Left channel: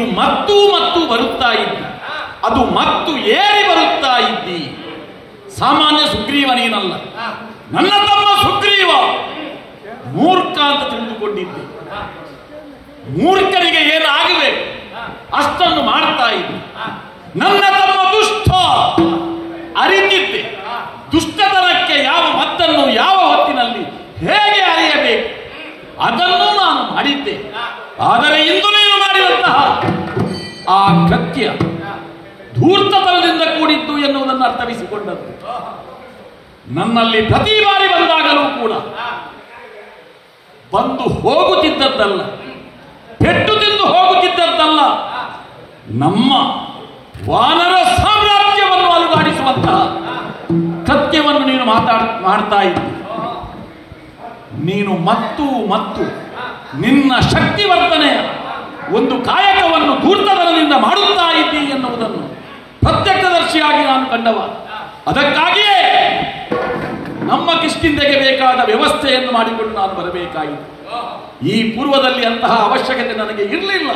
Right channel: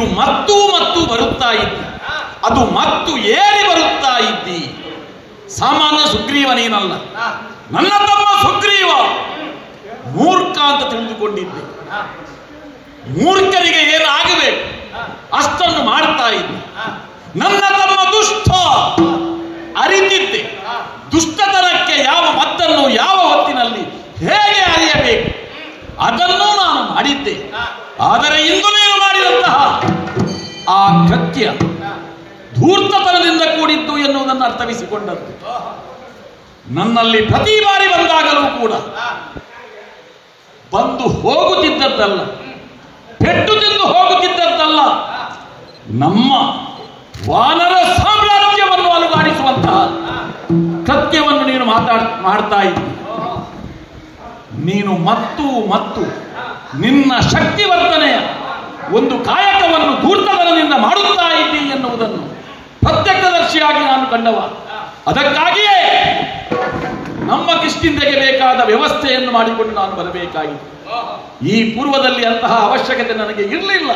ನೀನು ಮತ್ತು ಮತ್ತು ಬರುತ್ತಾ ಇದ್ದಿ, ಅದು ಮತ್ತು ಏರಿ ಬರುತ್ತಾ ಇದ್ದಿ. ಸಾಮಾನ್ಯ ಸುಗ್ರೀವ ನೀನಲ್ಲ, ನನ್ನ ತಮ್ಮ ಸುಗ್ರೀವ. ಮೂರ್ಖ ಅಂತ ತಿಳಿದುಕೊಂಡಿದ್ದೆ. ಮೂರ್ಖರಿಗೆ ಏನಾಗಬೇಕು ಅಷ್ಟನ್ನು ಮಾಡ್ತಾ ಇದ್ದೆ. ನನ್ನ ತಮ್ಮ ದುಷ್ಟ ಅರಿತಿದ್ದೆ. ದುಷ್ಟತನಕ್ಕೆ ಯಾವ ಮದ್ದನ್ನು ಯಾವ ಹೊತ್ತಿನಲ್ಲಿ ಹೇಗೆ ಅರಿಯಬೇಕು ಅದನ್ನು ನಾನು ಮಾಡಿದ್ದೆ. ಆದರೆ ಇಂದು ನೀವು ಮಾಡಿದಂತಹ ಆ ಕೃತ್ಯ ಧೂರ್ತತನದಿಂದ ಕೂಡಿದ್ದು ಎನ್ನುವುದನ್ನು ಅರ್ಥವಿಸಿಕೊಂಡದ್ದು. ನನ್ನಲ್ಲಿ ಪ್ರತಿ ಬಾರಿ ಬಂದಾಗಲೂ ಕೂಡ ಬಂದು ಹೋಗುತ್ತಿದ್ದದ್ದಲ್ಲ, ಪೆಟ್ಟು ತಿಂದು ಹೋಗುತ್ತಿದ್ದದ್ದಲ್ಲ, ನಮ್ಮ ವಾನರ ಸಾಮ್ರಾಜ್ಯವನ್ನು ಅಲುಗಾಡಿಸುವಂತಹ ಕೃತ್ಯವನ್ನು ನೀನು ಮಾಡ್ತಾ ಇದ್ದಿ. ನೀನು ಮತ್ತು ಮತ್ತು ನಿನ್ನ ಶಕ್ತಿವರ್ಧನೆಯ ಒಂದು ಕಾಯಕವನ್ನು ಧೂರ್ತತನದಿಂದ ಮಾಡುತ್ತಾ ಇದ್ದಿ ಎನ್ನುವುದನ್ನು ಪ್ರತ್ಯಕ್ಷದರ್ಶಿಯಾಗಿ ನಾನು ಕಂಡವ. ಅದಕ್ಕಾಗಿಯೇ ನಮ್ಮ ಕಿಷ್ಕಿಂಧೆಗೆ ಬೇಕಾದ ವ್ಯವಸ್ಥೆಯನ್ನು ಮಾಡಿಕೊಂಡು ನಾನು ಬರಬೇಕಾಗಿತ್ತು. ಈ ಪೂರ್ವದಲ್ಲಿ ಅಂತಹ ಅವಶ್ಯಕತೆ ನನಗೆ ಇರಲಿಲ್ಲ.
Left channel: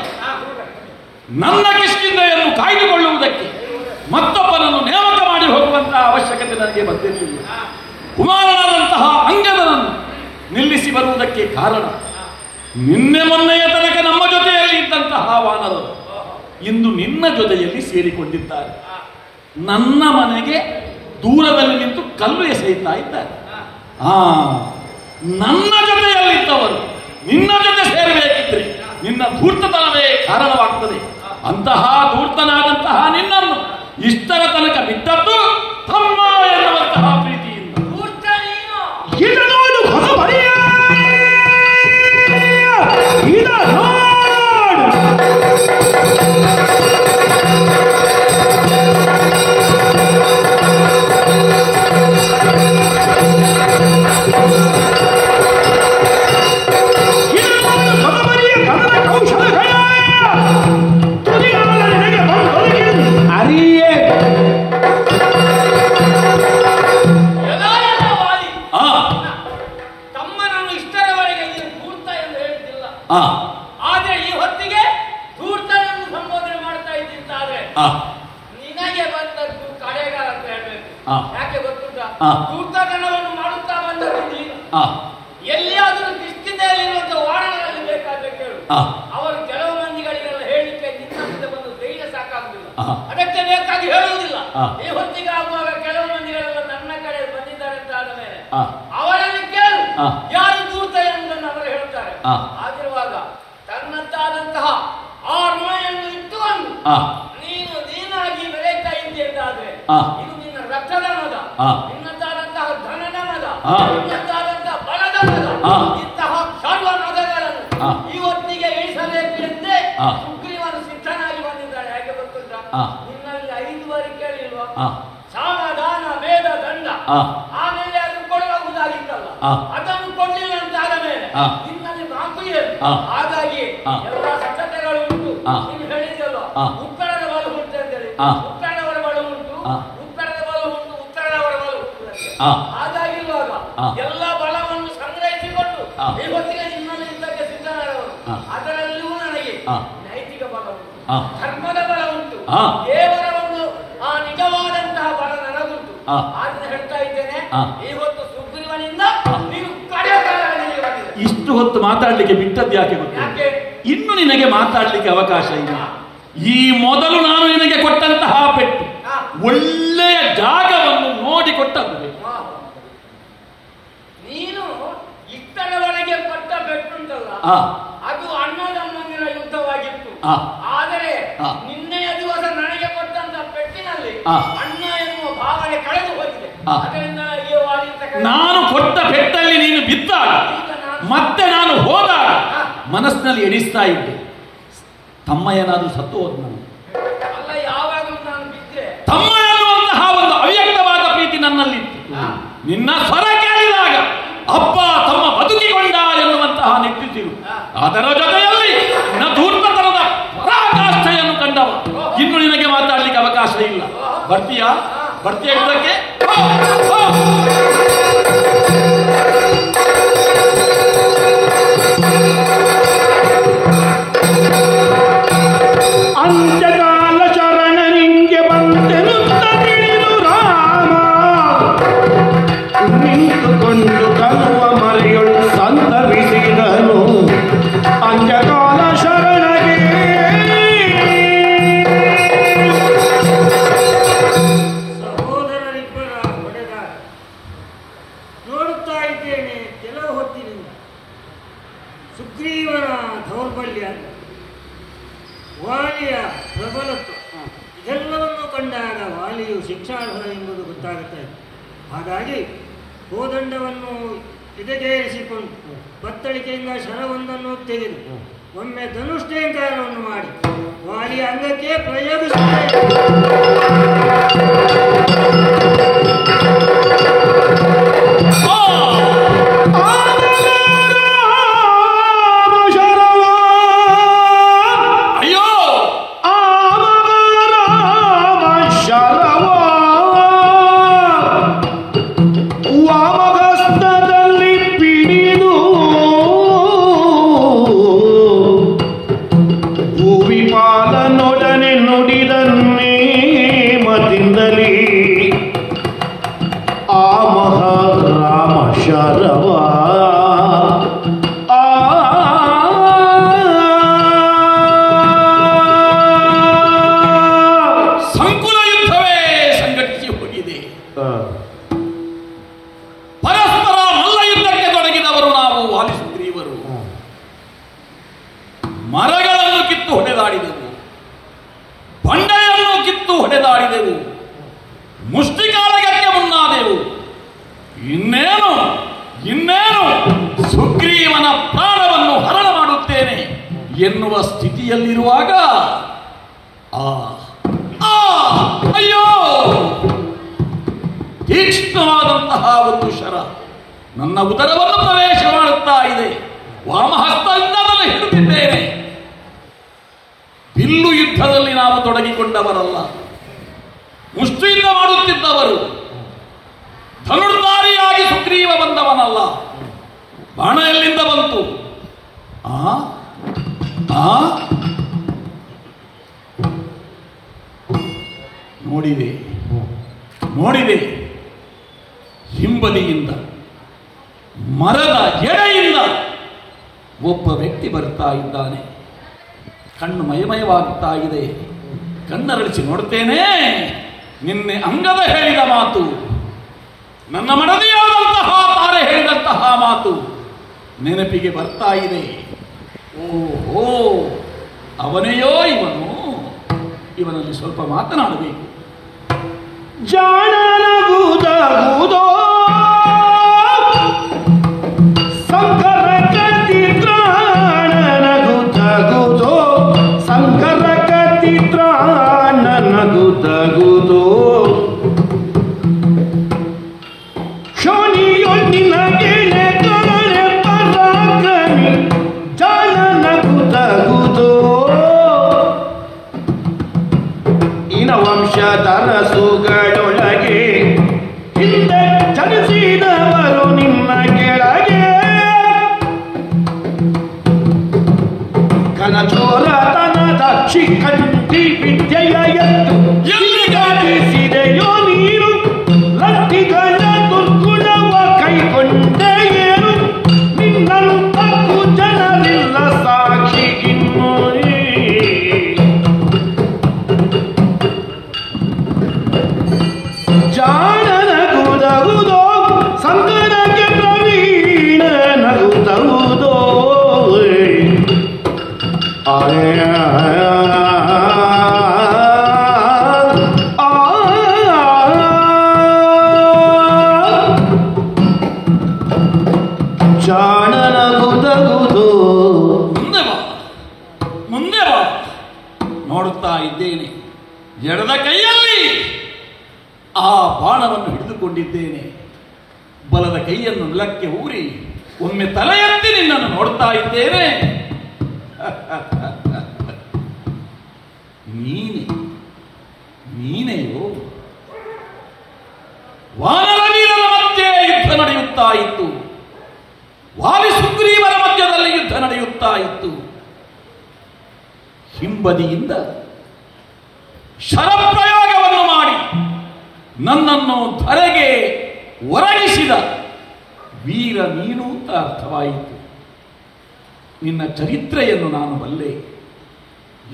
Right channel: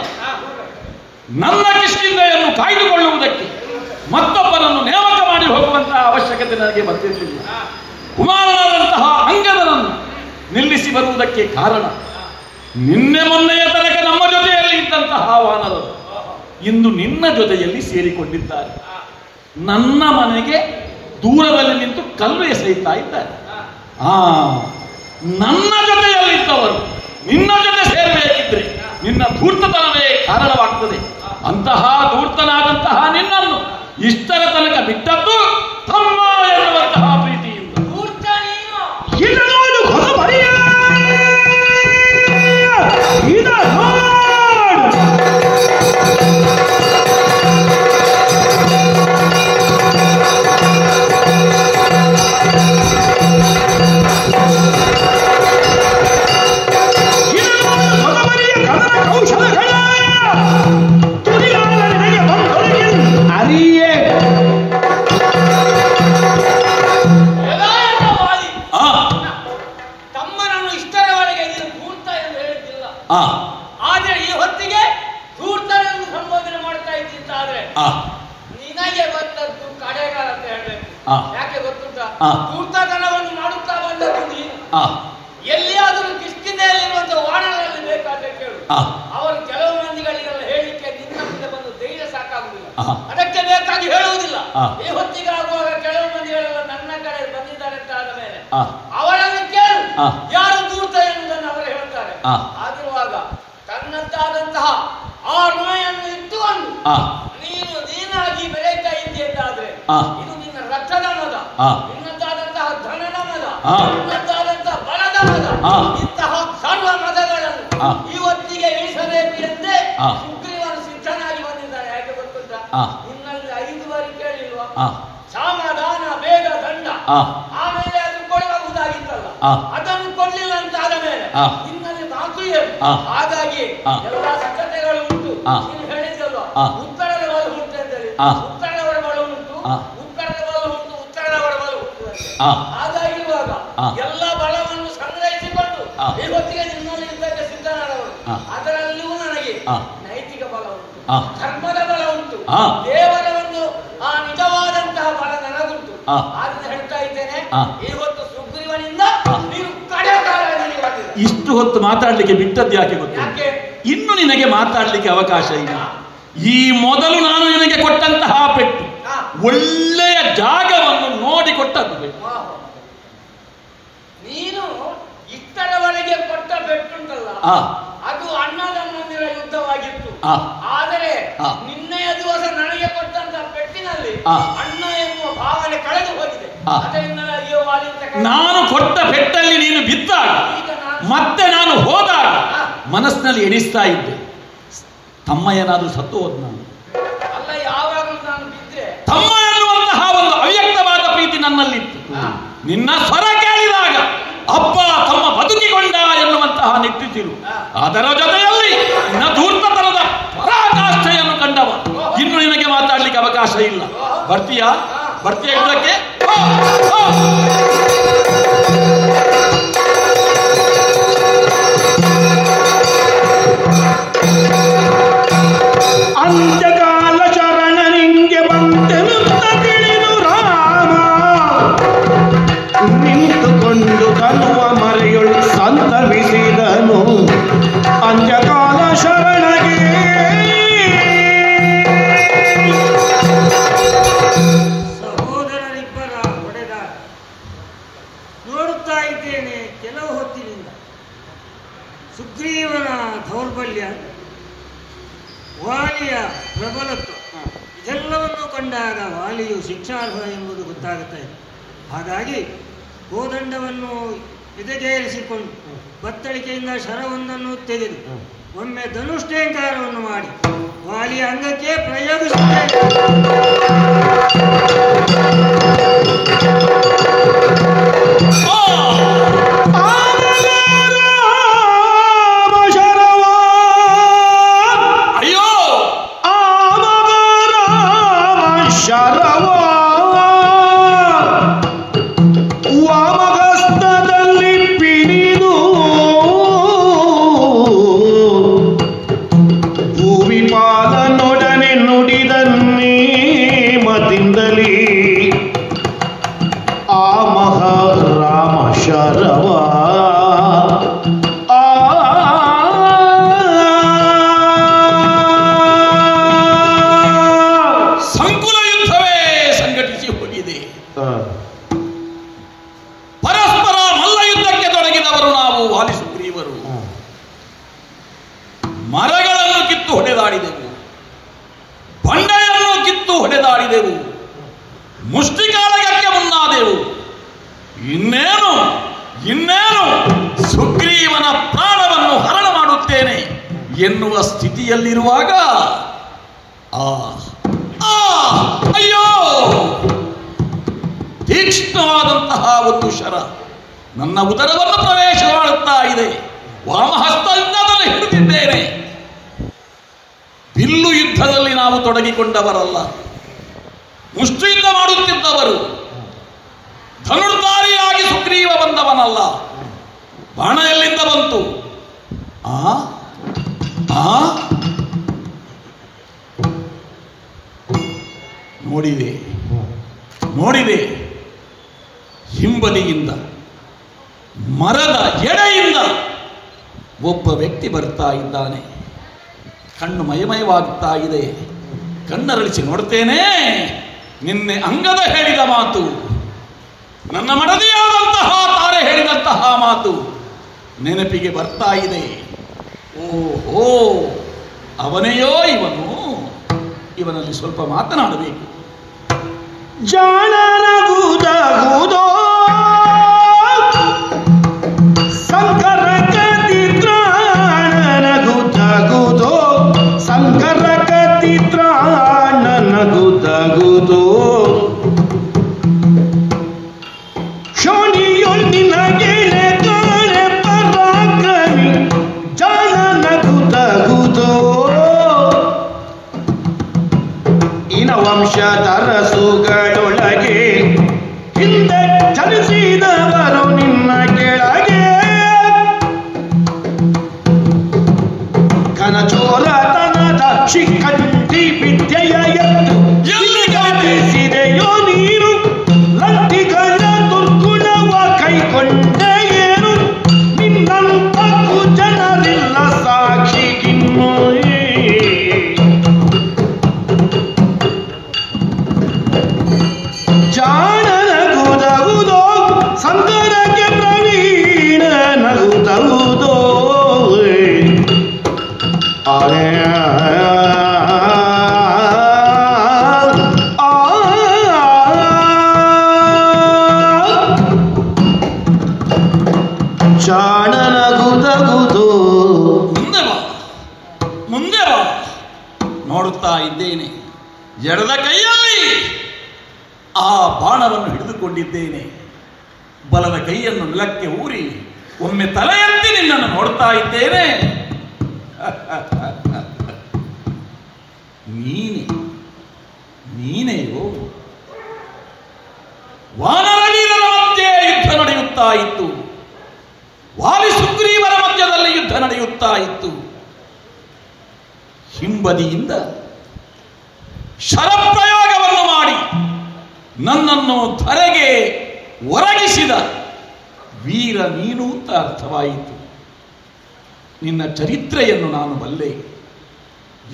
ನನ್ನ ಕಿಷ್ಕಿಂಧೆಯನ್ನು ಕಾಯ್ದುಕೊಳ್ಳುವುದಕ್ಕೆ ಮತ್ತೊಬ್ಬರನ್ನು ನೇಮಕ ಮಾಡಿ ಹೋಗುವಂತಹ ಅವಶ್ಯಕತೆ ನನಗೆ ಬಂದಿರಲಿಲ್ಲ. ಕುಮಾರನಂತಹ ಅಂಗದನನ್ನು ನಿಲ್ಲಿಸಿ ಬರುವುದಕ್ಕೆ ಕಾರಣ ನಿನ್ನೆ ಮೊನ್ನೆಯ ತನಕ ನಮ್ಮ ಜೊತೆಯಲ್ಲಿ ಇದ್ದಂತಹ ವಾನರರು ಇಂದು ನಿನ್ನ ಜೊತೆಯಲ್ಲಿ ಸೇರಿಕೊಂಡಿದ್ದಾರೆ. ನನ್ನ ಮನೆಗೆ ದೂರದಲ್ಲಿ ನಿಂತು ಕಲ್ಲು ಎಸೆಯುತ್ತಾ ಇದ್ದಾರೆ. ನನ್ನ ಜೊತೆಯಲ್ಲಿದ್ದವರು ನಿನ್ನ ಜೊತೆ ಸೇರಬೇಕಿದ್ರೆ ನಿನ್ನ ಧೂರ್ತತನವೇ ಕಾರಣವಾಗ್ತದೆ. ಅಂತಹ ಧೂರ್ತನಾದಂತಹ ನಿನ್ನನ್ನು ಇಷ್ಟರ ತನಕ ಬಿಟ್ಟದ್ದು ತಮ್ಮ ಎನ್ನುವಂತಹ ಪ್ರೀತಿಯಿಂದ. ಆದರೆ ಈ ಹೊತ್ತಿಗೆ ಧೂರ್ತನನ್ನು ಸಂಬೋಧನೆ ಮಾಡ್ತಾ ಇದ್ದಿದ್ದಾದ್ರೆ ನಿನಗೆ ಬಂದದ್ದು ಕಡೆಗಾಲ ಅಂತ ಹೇಳಬೇಕು. ಯಾಕೆ ಗೊತ್ತುಂಟ? ಧೂರ್ತತನವನ್ನು ಮಾಡುತ್ತಾ ಬಂದದ್ದು ನೀನು. ಎಲ್ಲಿಯಾದರೂ ಕಿಷ್ಕಿಂಧೆಯಲ್ಲಿರುವಂತಹ ವಾಣಗಳಲ್ಲಿ ಬೇಕಾದ್ರೆ ಕೇಳು. ಅವರು ಕೆಲವು ಮಂದಿಗಳಿಗೆಲ್ಲ ಹೇಳಲಿಕ್ಕೆ ನಿನ್ನ ಮುಂದೆ ಬಂದು ಧೈರ್ಯ ಸಾಕಾಗುವುದಿಲ್ಲ, ಅದಕ್ಕೆ ಬೇಕಾಗಿ ಹೇಳುವುದಿಲ್ಲ. ಈ ಹೊತ್ತಿಗೆ ಆಗುವಾಗ ಕೆಲವು ಮಂದಿಗಳೆಲ್ಲ ನನ್ನ ಕಡೆ ಬಂದಿದ್ದಾರೆ ಅಂತ ಆದ ಮೇಲೆ ಅವರಲ್ಲಿ ಕೇಳು ಯಾರು ಧೂರ್ತ ಎನ್ನುವುದನ್ನು ಅವರು ಹೇಳ್ತಾರೆ. ಆಗಿರುವಾಗ ತನ್ನದ್ದಾದಂತಹ ಆ ಋಣೆಯನ್ನು ಇಟ್ಟುಕೊಂಡು ನೀನಾಗಿ ಬೆಳೆಯುತ್ತಾ ಇದ್ದಿ ಎಂದಾದ್ರೆ ಇದು ನಿನ್ನ ರಕ್ತದಾನದ, ನಿನ್ನದ್ದಾದಂತಹ ಧನದಾನದ, ನಿನ್ನದ್ದಾದಂತಹ ಬಲದಾನದ, ಇಂತಹ ಸರ್ವ ಮದಗಳನ್ನು ಇವತ್ತಿಗೆ ಇಳಿಸಬೇಕು ಎಂದೇ ಸುಗ್ರೀವನು ಸಿದ್ಧನಾಗಿ ಬಂದಿದ್ದಾನೆ. ಯಾಕೆ ಗೊತ್ತುಂಟ? ನಿನ್ನಲ್ಲಿ 5 ಬಾರಿ ಕೇಳಿಲ್ವಾ? ಸಾಮದಾನ ಬೇಡ ದಂಡ, ಆಮೇಲೆ ಅದು ಕೊಡಬಹುದಾಗಿತ್ತಲ್ಲ, ಅದನ್ನು ಕೊಡಲಿಲ್ಲ ಅಂತ ಆದ ಮೇಲೆ ನಿನ್ನಲ್ಲಿ 4 ಏನು. ಹಾಗಾಗಿ ಎಲ್ಲ ಸಿದ್ಧತೆಗಳು ಉಂಟು. ನೀನು ಹೇಳಿದ್ದಲ್ಲ ಉತ್ತರದ ಬಲ ಉಂಟು ಅಂತೇಳಿ, ಉತ್ತರದವರ ಬಲ ಉಂಟು, ಉತ್ತರದ ಬಲ ಉಂಟು, ಉತ್ತರದವರ ಬಲ ಉಂಟು ಅಂತ. ಹಾಗಾಗಿ ಇವಾಗ ಎಲ್ಲ ಬಲವನ್ನು ಸಂಗ್ರಹಿಸಿಕೊಂಡು ಇವತ್ತಿಗೆ ನಿನ್ನಲ್ಲಿ ಇದ್ದಕ್ಕೆ ಸಿದ್ಧನಾದವರು. ಅದರಲ್ಲೂ ನನಗೆ ನೈತಿಕ ಬಲ ಉಂಟು, ಧರ್ಮದ ಬಲ ಉಂಟು, ದೇವರ ಒಂದು ಆ ನಿಜವಾದಂತಹ ಬಲ ನನಗುಂಟು. ಆದ್ರಿಂದ ಹೇಳ್ತಾ ಇದ್ದೇನೆ, ಇವತ್ತು ಸುಗ್ರೀವನಿಂದ ನೀವು ಕಡೆ ಕಾಲದಲ್ಲಿ ಬಂದಿದೆ. ಇಷ್ಟು ಹೊತ್ತು ಮಾತಾಡ್ಲಿಕ್ಕೆ ಬಿಟ್ಟದ್ದು ಯಾಕೆ ಗೊತ್ತು? ಇನ್ನು ನಿನಗೆ ಮಾತಾಡ್ಲಿಕ್ಕೆ ಅವಕಾಶ ಇಲ್ಲ. ಈ ಮೊದಲು ನಾನು ನಿನಗೆ ಕೊಟ್ಟಂತಹ ಪೆಟ್ಟು ಒಳ್ಳೆಯ ಜಾಗವನ್ನು ನೋಡಿ ಕೊಟ್ಟದ್ದು. ನೀನು ಇಷ್ಟರವರೆಗೆ ಕೊಟ್ಟ ಪೆಟ್ಟುಂಟಲ್ಲ, ಅದು ಅಣ್ಣದಮ್ಮಂದಿರ ಯುದ್ಧವಾಗಿತ್ತು. ಆದರೆ ನಿನ್ನೆಯ ದಿವಸ ನನಗೆ ಕೊಟ್ಟಂತ ಪೆಟ್ಟಿನಲ್ಲಿ ಅಣ್ಣ ಎನ್ನುವ ಭಾವನೆ ಕಳೆದು ಹೋಗಿದೆ. ಅದರಿಂದ ನಾನು ಕೊಟ್ಟ ಪೆಟ್ಟಲ್ಲಿ ನೀನು ಬಿದ್ದಾಗ ಮತ್ತೆ ನಾನು ಹೋದಾಗ ಮನಸ್ಸಿನಲ್ಲಿ ಎಣಿಸ್ತಾ ಇದ್ದೆ, ತಮ್ಮ ಏನಾದ್ರೂ ಸತ್ತು ಹೋದ್ ನಾನು ಅಲ್ಲ. ಯಾವಾಗಲೂ ನಾನು ಬಿದ್ದರೆ ತಮ್ಮ ಎನ್ನುವಂತಹ ಒಂದು ಅವ್ಯಕ್ತವಾದ ಪ್ರೀತಿ ನನ್ನಲ್ಲಿತ್ತು. ನಿನ್ನ ಸ್ವರ ಕೇಳಿದಾಗ ಅಪ್ಪ ತಮ್ಮ ಬದುಕಿಕೊಂಡ ಎನ್ನುವಂತಹ ನಿಟ್ಟಿಸಿರು. ಅದರ ಜೊತೆಯಲ್ಲಿ ನಿನ್ನ ಧೂರ್ತತನದ ಪರಾಕಾಷ್ಠೆಯನ್ನು ಕಂಡವ. ಇನ್ನು ನಿನಗೆ ಮಾತಾಡ್ಲಿಕ್ಕೆ ಅವಕಾಶ ಇಲ್ಲ. ಬರ್ತೀಯಾ? ಬರ್ತೀಯ ಇದಕ್ಕೆ? ನೋಡುತ್ತಾ ಇದ್ದೇನೆ ಕೆಲವು ಹೊತ್ತಿನಿಂದ ಸುಗ್ರೀವನ ದೌರ್ಬಲ್ಯ, ವಾಲಿಯ ಪ್ರಬಲತ್ವ ಇದೆಲ್ಲವನ್ನು ಕಂಡಾಗ ವಾಲಿಯು ಶಿಕ್ಷಾರ್ಹ ಎಂಬುದು ಗೊತ್ತಾಗುತ್ತಾ ಇದೆ. ಹಾಗಾಗಿ ಕೋದಂಡವನ್ನು ಎದೆಗೇರಿಸಿಕೊಂಡು ಬತ್ತಳಿಕೆಯಿಂದ ಶರವೊಂದನ್ನು ತೆಗೆದು ಒಮ್ಮೆ ಧನುಷ್ಟೇಂಕಾರವನ್ನು ಮಾಡಿ ವಾಲಿಯ ಅಂಗಕ್ಕೆ ಪ್ರಯೋಗಿಸುತ್ತೇನೆ. ಎನ್ನುವ ಸ್ಥಿತಿಯಲ್ಲಿರುವಾಗ ಅಯ್ಯೋ ತೀಕ್ಷ್ಣವಾದಂತಹ ಒಂದು ಶರ ನನ್ನ ಉದರವನ್ನು ಪ್ರವೇಶ ಮಾಡುತ್ತಾ ಇದೆ. ವಾಮಹಸ್ತದಿಂದ ಅದನ್ನು ಹಿಡಿದಿದ್ದೇನೆ. ಬಿಲ್ಲು ಯುದ್ಧದಲ್ಲಿ ನಾವು ತೊಡಗಿಕೊಂಡವರಲ್ಲ, ಮುಷ್ಟಿಯಿಂದ ಮಾಡುತ್ತಿದ್ದವರು. ಧನುರ್ಧಾರಿಯಾಗಿ ಸುಗ್ರೀವ ಬಂದವನಲ್ಲ. ಬಾಣ ಎಲ್ಲಿಂದ ಬಂತು? ನೋಡಿದೆ ಹಿಂಬದಿಯಿಂದ ಮರದ ಎಡೆಯಿಂದ ಒಬ್ಬ ವ್ಯಕ್ತಿ ಬರ್ತಾ ಇದ್ದಾನೆ. ಕಣ್ಣು ಮಯಮಯವಾಗುತ್ತಾ ಇದೆ. ಕಣ್ಣರಳಿಸಿ ನೋಡ್ತೇನೆ. ನಿನ್ನೆ ಅಂಗದ ಹೇಳಿದ ಮಾತು, ನನ್ನ ಮಡದಿಯಾದಂತಹ ತಾರೆ ಹೇಳಿದಂತಹ ಮಾತು ನೆನಪಿಗೆ ಬರ್ತಾ ಇದೆ. ಓಹೋ, ಅವನೆಯೋ ಇವನು. ಇವನಲ್ಲಿ ಸ್ವಲ್ಪ ಮಾತನಾಡಬೇಕು. ಜಾಣನಗುದಗುದೋ ಸಂಕರಕತಿ ತ್ರಾಣನಗುದಗುದೋ ಸಂಕರಕತಿ ತ್ರಾಣನಗುದಗುದೋ ಶೋಣಿಯೊಳ್ ನಿನಗೆಳೆ ಕಾಣೆ ಪರಾಕ್ರಮಿ ಜಾಣನಗುದಗುದೋ ಇನ ವಂಶಧರ ಸುಗಳೊಳಗೆ ಹಿಂದೆ ಜನಿಸಿದವರು ನಿನ್ನ ಕೆಳಗೆ ಕನಚೋಲತನದ ಶಿಖಂಡಿ ವಿದ್ಯೆಯ ಎತ್ತು ಎಲ್ಲಿಗತಿಸಿದೆಯೋ ನೀರು ಲಂಟಿಗಳ ದುರ್ಗುಣವ ಕೈಕೊಂಡ ಏನು ನಿನ್ನಂತ ಜನರಿಲ್ಲ ಸಾಕ್ಷಿಗಿನ್ನು ಜಾಣನಗುದಗುದೋ ಸಂಗರಕ್ಕೆ ಪ್ರವೀಣನಗುದಗುದೋ ಜಾಣನಗುದಗುದೋ. ಮುಂದೆ ಬಾ, ನೋಡುತ್ತಾ ಇದ್ದೇನೆ. ಎಡದ ಕೈಯಲ್ಲಿ ಆ ಬಾಣವನ್ನು ಹಿಡಿದುಕೊಂಡಿದ್ದೇನೆ. ಬಲದ ಕೈಯನ್ನು ನೆಲಕ್ಕೆ ಊರಿ ಒಮ್ಮೆ ತಲೆ ಎತ್ತಿ ನಿನ್ನನ್ನು ನೋಡ್ತಾ ಇದ್ದೇನೆ. ನೀನೆಯೋ? ವಾನರವೀರರ ಮಧ್ಯೆ ಯುದ್ಧ ನಡೆಯುತ್ತಾ ಇತ್ತು. ವಾಲಿ ಸುಗ್ರೀವರ ಮಧ್ಯದಲ್ಲಿ ಯುದ್ಧ ನಡೆಯುತ್ತಾ ಇತ್ತು. ಹಿಂಬದಿಯಿಂದ ಶರಪ್ರಯೋಗವನ್ನು ಮಾಡಿ ನನ್ನನ್ನು ಧರೆಗೆ ಒರಗಿಸಿದ ವೀರ ನೀನು ಅಂತ ಅರ್ಥವಾಯಿತು. ನಿನ್ನ ಚರಿತ್ರೆಯನ್ನು ನಾನು ಬಲ್ಲೆ.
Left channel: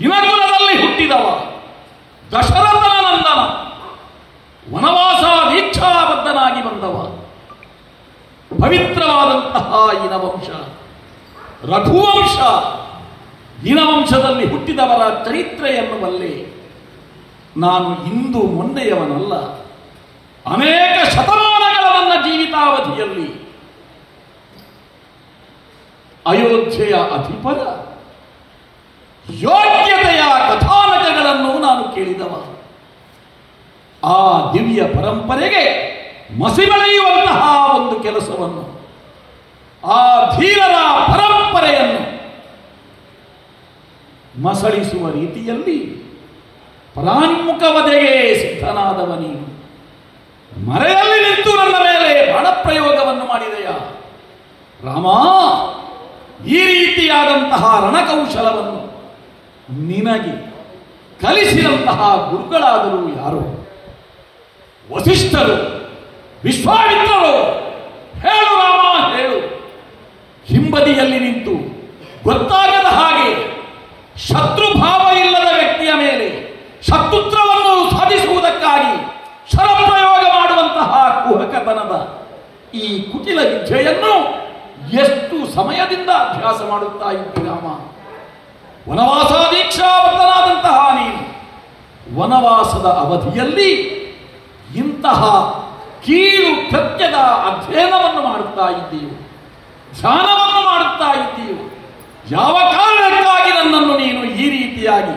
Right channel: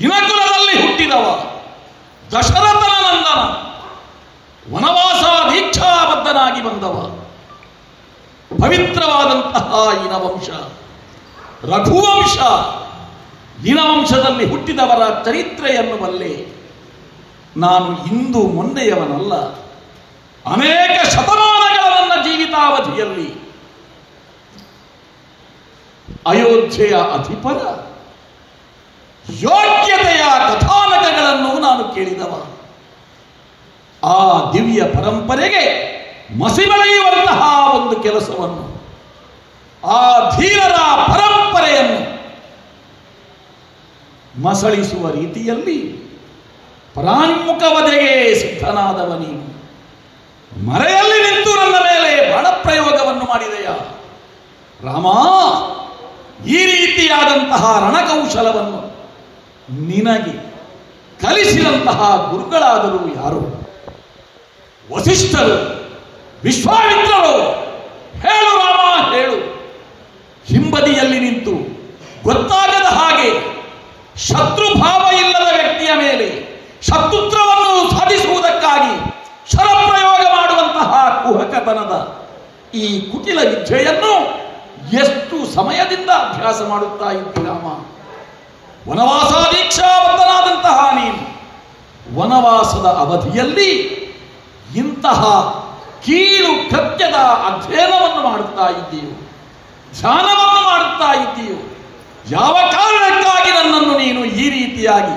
ಇನಕುಲದಲ್ಲಿ ಹುಟ್ಟಿದವ, ದಶರಥನ ನಂದನ, ವನವಾಸ ದೀಕ್ಷಾಬದ್ಧನಾಗಿ ಬಂದವ. ಪವಿತ್ರವಾದಂತಹ ಇನವಂಶ, ರಘುವಂಶ. ಇನವಂಶದಲ್ಲಿ ಹುಟ್ಟಿದವರ ಚರಿತ್ರೆಯನ್ನು ಬಲ್ಲೆ. ನಾನು ಇಂದು ಮೊನ್ನೆಯವನಲ್ಲ. ಅನೇಕ ಶತಮಾನಗಳ ನನ್ನ ಜೀವಿತಾವಧಿಯಲ್ಲಿ ಅಯೋಧ್ಯೆಯ ಅಧಿಪರ ಯೋಗ್ಯತೆಯ ಕಥಾನಕಗಳನ್ನು ನಾನು ಕೇಳಿದವ. ಆ ದಿವ್ಯ ಪರಂಪರೆಗೆ ಮಸಿಬಳಿಯುವಂತಹ ಒಂದು ಕೆಲಸವನ್ನು, ಆ ಧೀರರ ಪರಂಪರೆಯನ್ನು ಮಸಳಿಸುವ ರೀತಿಯಲ್ಲಿ ಪರಾನ್ಮುಖ ವಧೆಗೆ ಸಿದ್ಧನಾದವ ನೀನು ಮರೆಯಲ್ಲಿ ನಿಂತು ನನ್ನ ಮೇಲೆ ಬಾಣಪ್ರಯೋಗವನ್ನು ಮಾಡಿದೆಯಾ ರಾಮ? ಈ ರೀತಿಯಾದಂತಹ ರಣಕೌಶಲವನ್ನು ನಿನಗೆ ಕಲಿಸಿದಂತಹ ಗುರುಗಳಾದರೂ ಯಾರು? ವಸಿಷ್ಠರು, ವಿಶ್ವಾಮಿತ್ರರು? ಹೇಳು ರಾಮ, ಹೇಳು. ಹಿಂಬದಿಯಲ್ಲಿ ನಿಂತು ಗೊತ್ತಾಗದ ಹಾಗೆ ಶತ್ರುಭಾವ ಇಲ್ಲದ ವ್ಯಕ್ತಿಯ ಮೇಲೆ ಶತ್ರುತ್ರವನ್ನು ಸಾಧಿಸುವುದಕ್ಕಾಗಿ ಶರಪ್ರಯೋಗ ಮಾಡುವಂತಹ ಕುಹಕತನದ ಈ ಕುಟಿಲ ವಿದ್ಯೆಯನ್ನು ಎಷ್ಟು ಸಮಯದಿಂದ ಅಭ್ಯಾಸ ಮಾಡುತ್ತಾ ಇದ್ದ ರಾಮ? ವನವಾಸ ದೀಕ್ಷಾಬದ್ಧನಾದಂತಹ ನೀನು ವನವಾಸದ ಅವಧಿಯಲ್ಲಿ ಇಂತಹ ಕೀಳು ಕೃತ್ಯದ ಅಧ್ಯಯನವನ್ನು ಮಾಡುತ್ತಾ ಇದ್ದೀಯೋ, ಧ್ಯಾನವನ್ನು ಮಾಡುತ್ತಾ ಇದ್ದೀಯೋ. ಯಾವ ಕಾರಣಕ್ಕಾಗಿ ನನ್ನನ್ನು ನೀನು ಈ ರೀತಿಯಾಗಿ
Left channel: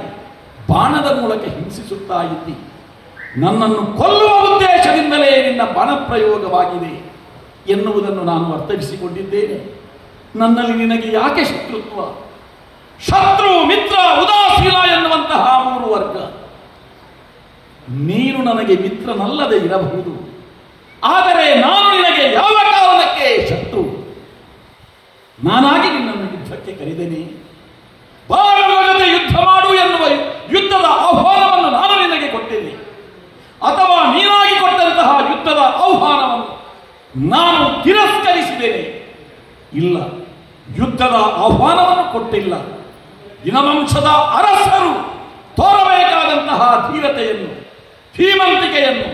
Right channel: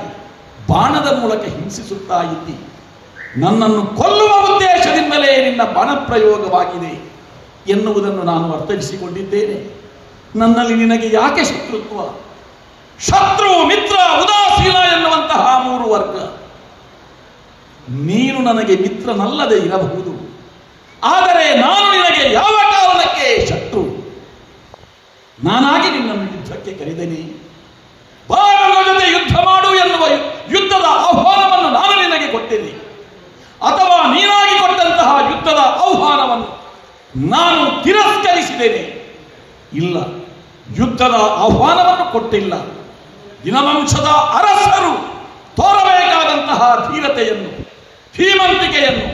ಬಾಣದ ಮೂಲಕ ಹಿಂಸಿಸುತ್ತಾ ಇದ್ದಿ? ನನ್ನನ್ನು ಕೊಲ್ಲುವ ಉದ್ದೇಶದಿಂದಲೇ ನಿನ್ನ ಬಾಣಪ್ರಯೋಗವಾಗಿದೆ ಎನ್ನುವುದನ್ನು ನಾನು ಅರ್ಥೈಸಿಕೊಂಡಿದ್ದೇನೆ. ನನ್ನಲ್ಲಿ ನಿನಗೆ ಯಾಕೆ ಶತ್ರುತ್ವ? ಶತ್ರು, ಮಿತ್ರ, ಉದಾಸೀನ ಎನ್ನುವಂತಹ ಮೂರು ವರ್ಗ. ನೀನು ನನಗೆ ಮಿತ್ರನಲ್ಲದೆ ಇರಬಹುದು, ಆದರೆ ನಾನು ನಿನಗೆ ಯಾವ ಕಾರಣಕ್ಕೆ ಶತ್ರು? ನಾನಾಗಿ ನಿನ್ನನ್ನು ಯುದ್ಧಕ್ಕೆ ಕರೆದೇನೆ. ಬಾರನ ಜೊತೆ ಯುದ್ಧ ಮಾಡು ಎನ್ನುವ ಯುದ್ಧದ ಆಹ್ವಾನವನ್ನು ನಾನು ನಿನಗೆ ಕೊಟ್ಟೇನೆ, ಅಥವಾ ನೀನಾಗಿ ಕೊಟ್ಟಂತಹ ಯುದ್ಧದ ಆಹ್ವಾನವನ್ನು ನಾನು ತಿರಸ್ಕರಿಸಿದ್ದೇನೆ? ಇಲ್ಲ, ಯುದ್ಧದ ಆಹ್ವಾನವನ್ನು ಕೊಟ್ಟಿಲ್ಲ. ದಿನವಂಶದ ಅರಸರು ತೋರಬೇಕಾದಂತಹ ಧೀರತೆಯನ್ನು, ಧೀಮಂತಿಕೆಯನ್ನು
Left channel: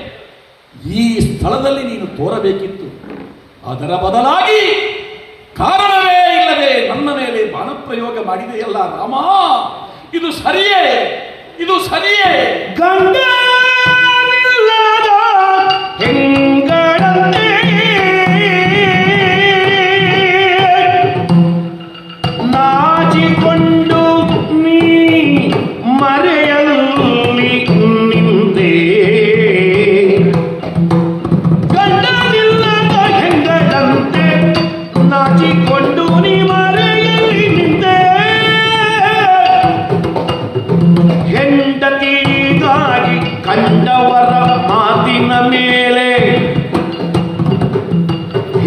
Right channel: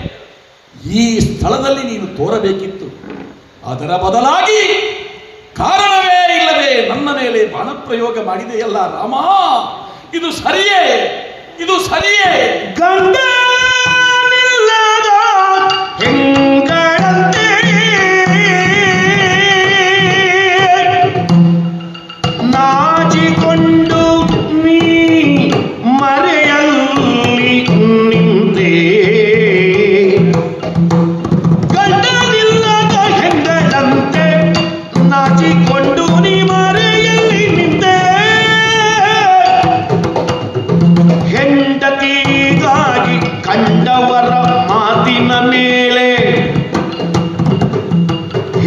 ಈ ಸ್ಥಳದಲ್ಲಿ ನೀನು ತೋರಬೇಕಿತ್ತು. ಅದರ ಬದಲಾಗಿ ಕಾರಣವೇ ಇಲ್ಲದೆ ನನ್ನ ಮೇಲೆ ಬಾಣಪ್ರಯೋಗ ಮಾಡಿದೆಯಲ್ಲ ರಾಮ, ಇದು ಸರಿಯೇ? ಇದು ಸರಿಯೇ? ಗಂಡನಿಲ್ಲದ ಹೆಂಗಳಂತೆ ನಾಚಿಕೊಂಡು ನೀ ಮರೆಯಲ್ಲಿ ನಿಂತೆ. ಗಂಡನಿಲ್ಲದ ಹೆಂಗಳಂತೆ ನಾಚಿಕೊಂಡು ನೀ ಮರೆಯಲ್ಲಿ ನಿಂತೆ. ಹೆಂಡತಿಗಾಗಿ ಕಂಡವರ ಮಾತಿನ ಮೇಲೆ,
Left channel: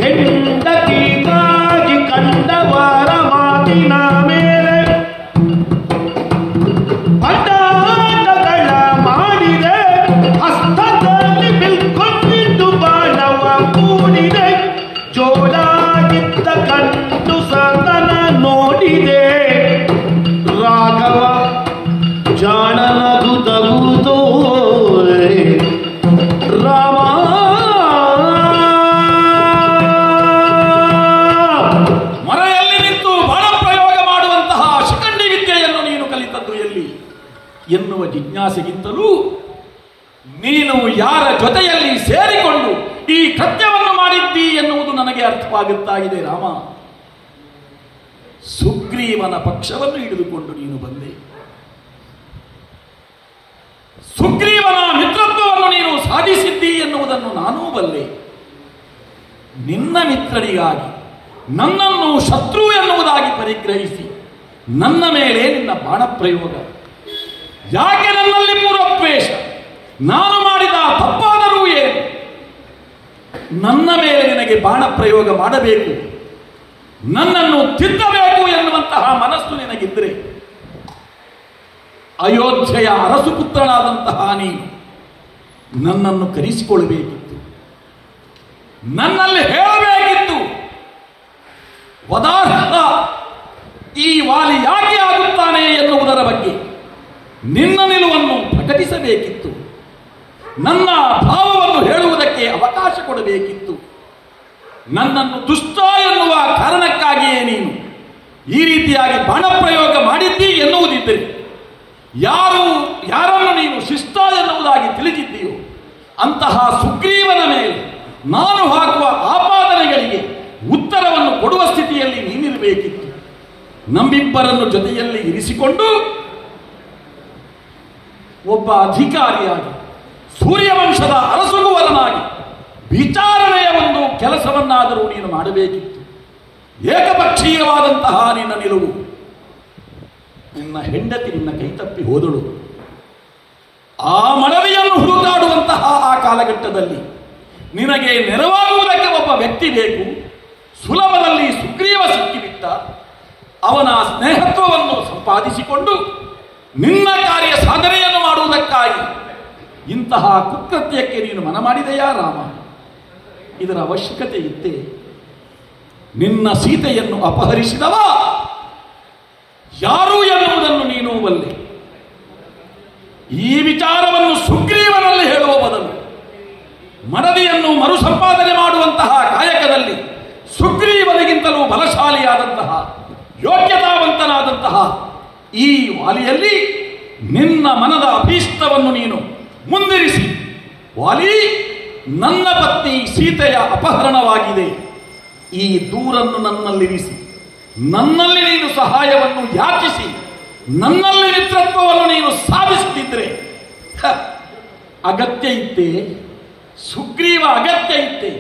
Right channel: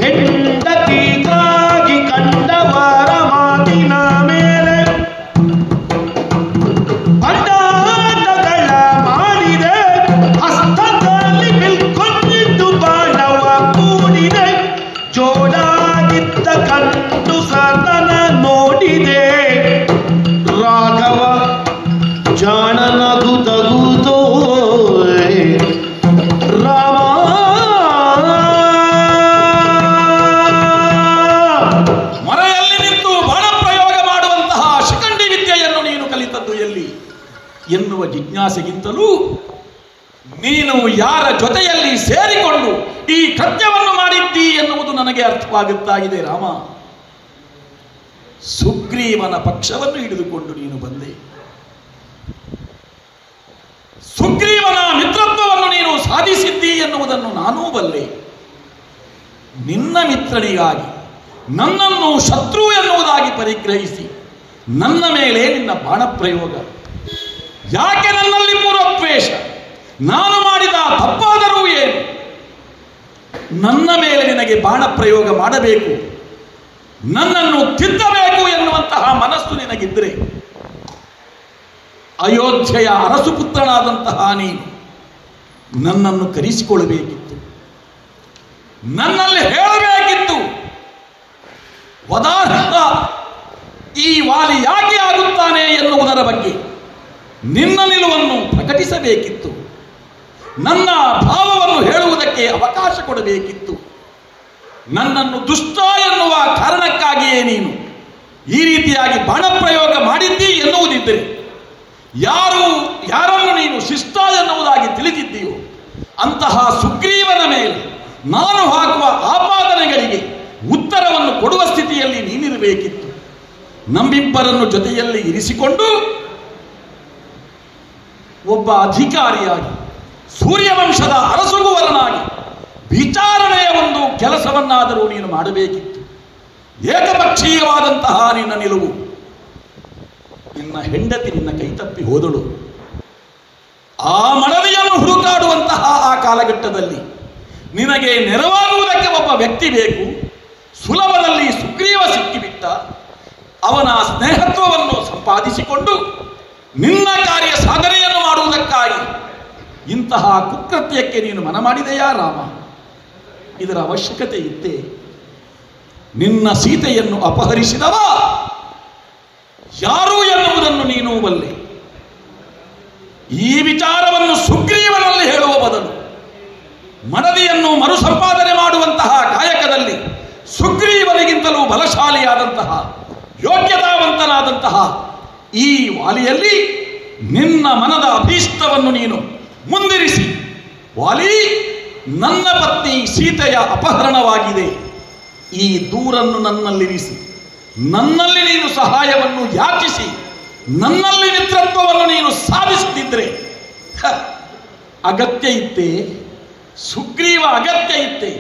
ಹೆಂಡತಿಗಾಗಿ ಕಂಡವರ ಮಾತಿನ ಮೇಲೆ ಪಟಾಟಗಳ ಮಾಡಿದೆ. ಹಸ್ತದಲ್ಲಿ ಬಿಲ್ಕೊಂಡಿದ್ದು ಬಾಣವ ಕೂಡಿದೆ. ಜೋಡಾಗಿದ್ದ ಕಣ್ಣು ಸತನ ನೋಡಿದೆ. ರಾಘವ ಜಾಣನಗುತ್ತಗುತ್ತೋ ರಾಮ. ಮರೆಯಲ್ಲಿ ನಿಂತು ಬಾಣಪ್ರಯೋಗ ಮಾಡುವಂತಹ ಶಿಖಂಡಿ ವಿದ್ಯೆಯನ್ನು ನೀನು ಕಲಿತದ್ದು ಎಲ್ಲಿ ಎನ್ನುವ ಜಿಜ್ಞಾಸೆಗಿಂತಲೂ ನೀನು ಯಾರ ಜೊತೆಯಲ್ಲಿ ಸೇರಿಕೊಂಡು ಈ ಕೃತ್ಯವನ್ನು ಮಾಡಿದ್ದಿ ಎನ್ನುವುದು ನನಗೆ ಅರ್ಥವಾಗುತ್ತಾ ಇದೆ ರಾಮ. ಸುಗ್ರೀವನ ಪಕ್ಷವನ್ನು ಹಿಡಿದುಕೊಂಡು ನೀನು ಬಂದೆ. ಸುಗ್ರೀವನ ಮಿತ್ರತ್ವವನ್ನು ನೀನು ಸಾಧಿಸಿದ್ದಿ ಎನ್ನುವುದನ್ನು ನಾನೂ ಬಲ್ಲೆ. ನಿನ್ನ ಮಿತ್ರನಿಗಾಗಿ ನನ್ನನ್ನು ಶತ್ರು ಎನ್ನುವುದಾಗಿ ಪರಿಗ್ರಹಿಸಿ ನನ್ನ ಮೇಲೆ ನಿನ್ನ ಬಾಣಪ್ರಯೋಗ. ಯಾಕೆ ನನ್ನಲ್ಲಿ ಪೂರ್ವದ್ವೇಷ? ನಾನು ಮಾಡಿದ ತಪ್ಪಾದರೂ ಏನು? ನನ್ನ ಮೇಲೆ ನಿನಗೆ ಬಾಣಪ್ರಯೋಗ ಮಾಡಬೇಕು, ನನ್ನನ್ನು ತಿದ್ದಬೇಕು ಎನ್ನುವಂತಹ ಮನಸ್ಸು ನಿನಗಿದ್ರೆ ಅಯೋಧ್ಯೆಯ ಅರಸುಪುತ್ರನಾದಂತಹ ನೀನು ನನ್ನನ್ನು ಕರೆಸಿಕೊಳ್ಳಬೇಕಿತ್ತು, ನನ್ನಲ್ಲಿ ಹೇಳಬೇಕಿತ್ತು. ವದಾರ್ಹ ಈ ವಾಲಿ ಯಾಕೆ ಆಗುತ್ತಾನೆ ಎನ್ನುವುದರ ಬಗ್ಗೆ ನಿನ್ನ ನಿಲುವನ್ನು ಪ್ರಕಟಿಸಬೇಕಿತ್ತು. ನನ್ನ ಭಾವವನ್ನು ಹೇಳುವುದಕ್ಕೆ ಅವಕಾಶ ಕೊಡಬೇಕಿತ್ತು. ನನ್ನನ್ನು ದುಷ್ಟ ಎನ್ನುವ ಕಾರಣಕ್ಕಾಗಿಯೇ ನೀನು ಈ ರೀತಿಯಾಗಿ ಬಾಣಪ್ರಯೋಗ ಮಾಡಿದ್ದಿ ಎನ್ನುವುದಿದ್ದರೆ ಯಾರನ್ನು ನೀನು ಶಿಷ್ಟ ಎನ್ನುವುದಾಗಿ ತಿಳಿದಿದ್ದೀಯೋ ಅಂತಹ ಸುಗ್ರೀವನ ಮೇಲೆ ನಾನು ಹಾಕುವ ಆಪಾದನೆಗಳಿಗೆ ಉತ್ತರವನ್ನು ಕೊಡುವ ಸ್ಥಿತಿಯಲ್ಲಿ ನೀನಿರಬೇಕಿತ್ತು. ನಮ್ಮಿಬ್ಬರನ್ನು ಜೊತೆಯಲ್ಲಿ ಇರಿಸಿಕೊಂಡು ಒಬ್ಬ ಅಧಿಕಾರಿಯಾಗಿ ಸೂರ್ಯವಂಶದ ಅರಸುಗುವರನಾಗಿ ವಿಚಾರಣೆಯ ಒಂದು ಕೆಲಸವನ್ನಾದರೂ ನೀನು ಮಾಡಬೇಕಿತ್ತು. ಏಕಪಕ್ಷೀಯವಾದಂತಹ ನಿನ್ನ ನಿಲುವು, ನಿನ್ನ ಹೆಂಡತಿ ನಿನ್ನ ಕೈತಪ್ಪಿ ಹೋದಳು. ಆ ಮಡದಿಯನ್ನು ಹುಡುಕಾಡುವಂತಹ ಆ ಕಾಲಘಟ್ಟದಲ್ಲಿ ನಿನಗೆ ನೆರವಾಗುವುದಕ್ಕೆ ಒಬ್ಬ ವ್ಯಕ್ತಿ ಬೇಕು. ಸುಲಭದಲ್ಲಿ ಸುಗ್ರೀವ ಸಿಕ್ಕಿಬಿಟ್ಟ. ಅವನ ಸ್ನೇಹತ್ವವನ್ನು ಸಂಪಾದಿಸಿಕೊಂಡು ನಿನ್ನ ಕಾರ್ಯ ಸಾಧನೆಯನ್ನು ಮಾಡುವುದಕ್ಕಾಗಿ ಇಂತಹ ಕುಕೃತ್ಯಕ್ಕೆ ನೀನು ಮನ ಮಾಡಿದೆಯಾ ರಾಮ? ಇದರ ಅವಶ್ಯಕತೆ ಇತ್ತೇ? ನಿನ್ನ ಸೀತೆಯನ್ನು ಅಪಹರಿಸಿದವ ಯಾರು ಎನ್ನುವುದನ್ನು ನೀನು ಬಲ್ಲೆ. ಈ ವಿಚಾರವನ್ನು ಸುಗ್ರೀವನಲ್ಲಿ ಹೇಳುವ ಬದಲು ಮಡದಿಯನ್ನು ಮರುಸಂಪಾದನೆ ಮಾಡುವಂತಹ ಕಾಯಕದಲ್ಲಿ ಸುಗ್ರೀವನಿಗಿಂತಲೂ ಬಲಶಾಲಿಯಾದಂತಹ ಯೋಗ್ಯತಾವಂತನಾದಂತಹ ಈ ವಾಲಿಯಲ್ಲಿ ನಿನ್ನ ಮನದ ಅಭೀಷ್ಟವನ್ನು ನೀನು ಮುಂದಿರಿಸಿ, ವಾಲಿ, ನನ್ನ ಪತ್ನಿ ಸೀತೆಯ ಅಪಹರಣವಾಗಿದೆ, ಈ ದೂರನ್ನು ನನ್ನಲ್ಲಿರಿಸಿ, ನನ್ನಲ್ಲಿ ನೀನು ಸಹಾಯವನ್ನು ಯಾಚಿಸಿ, ನನ್ನಲ್ಲಿ ಮಿತ್ರತ್ವವನ್ನು ನೀನು ಸಾಧಿಸುತ್ತಿದ್ರೆ ಅಗತ್ಯ ಇತ್ತೇ? ಸುಗ್ರೀವ ಅಗತ್ಯ ಇತ್ತೇ?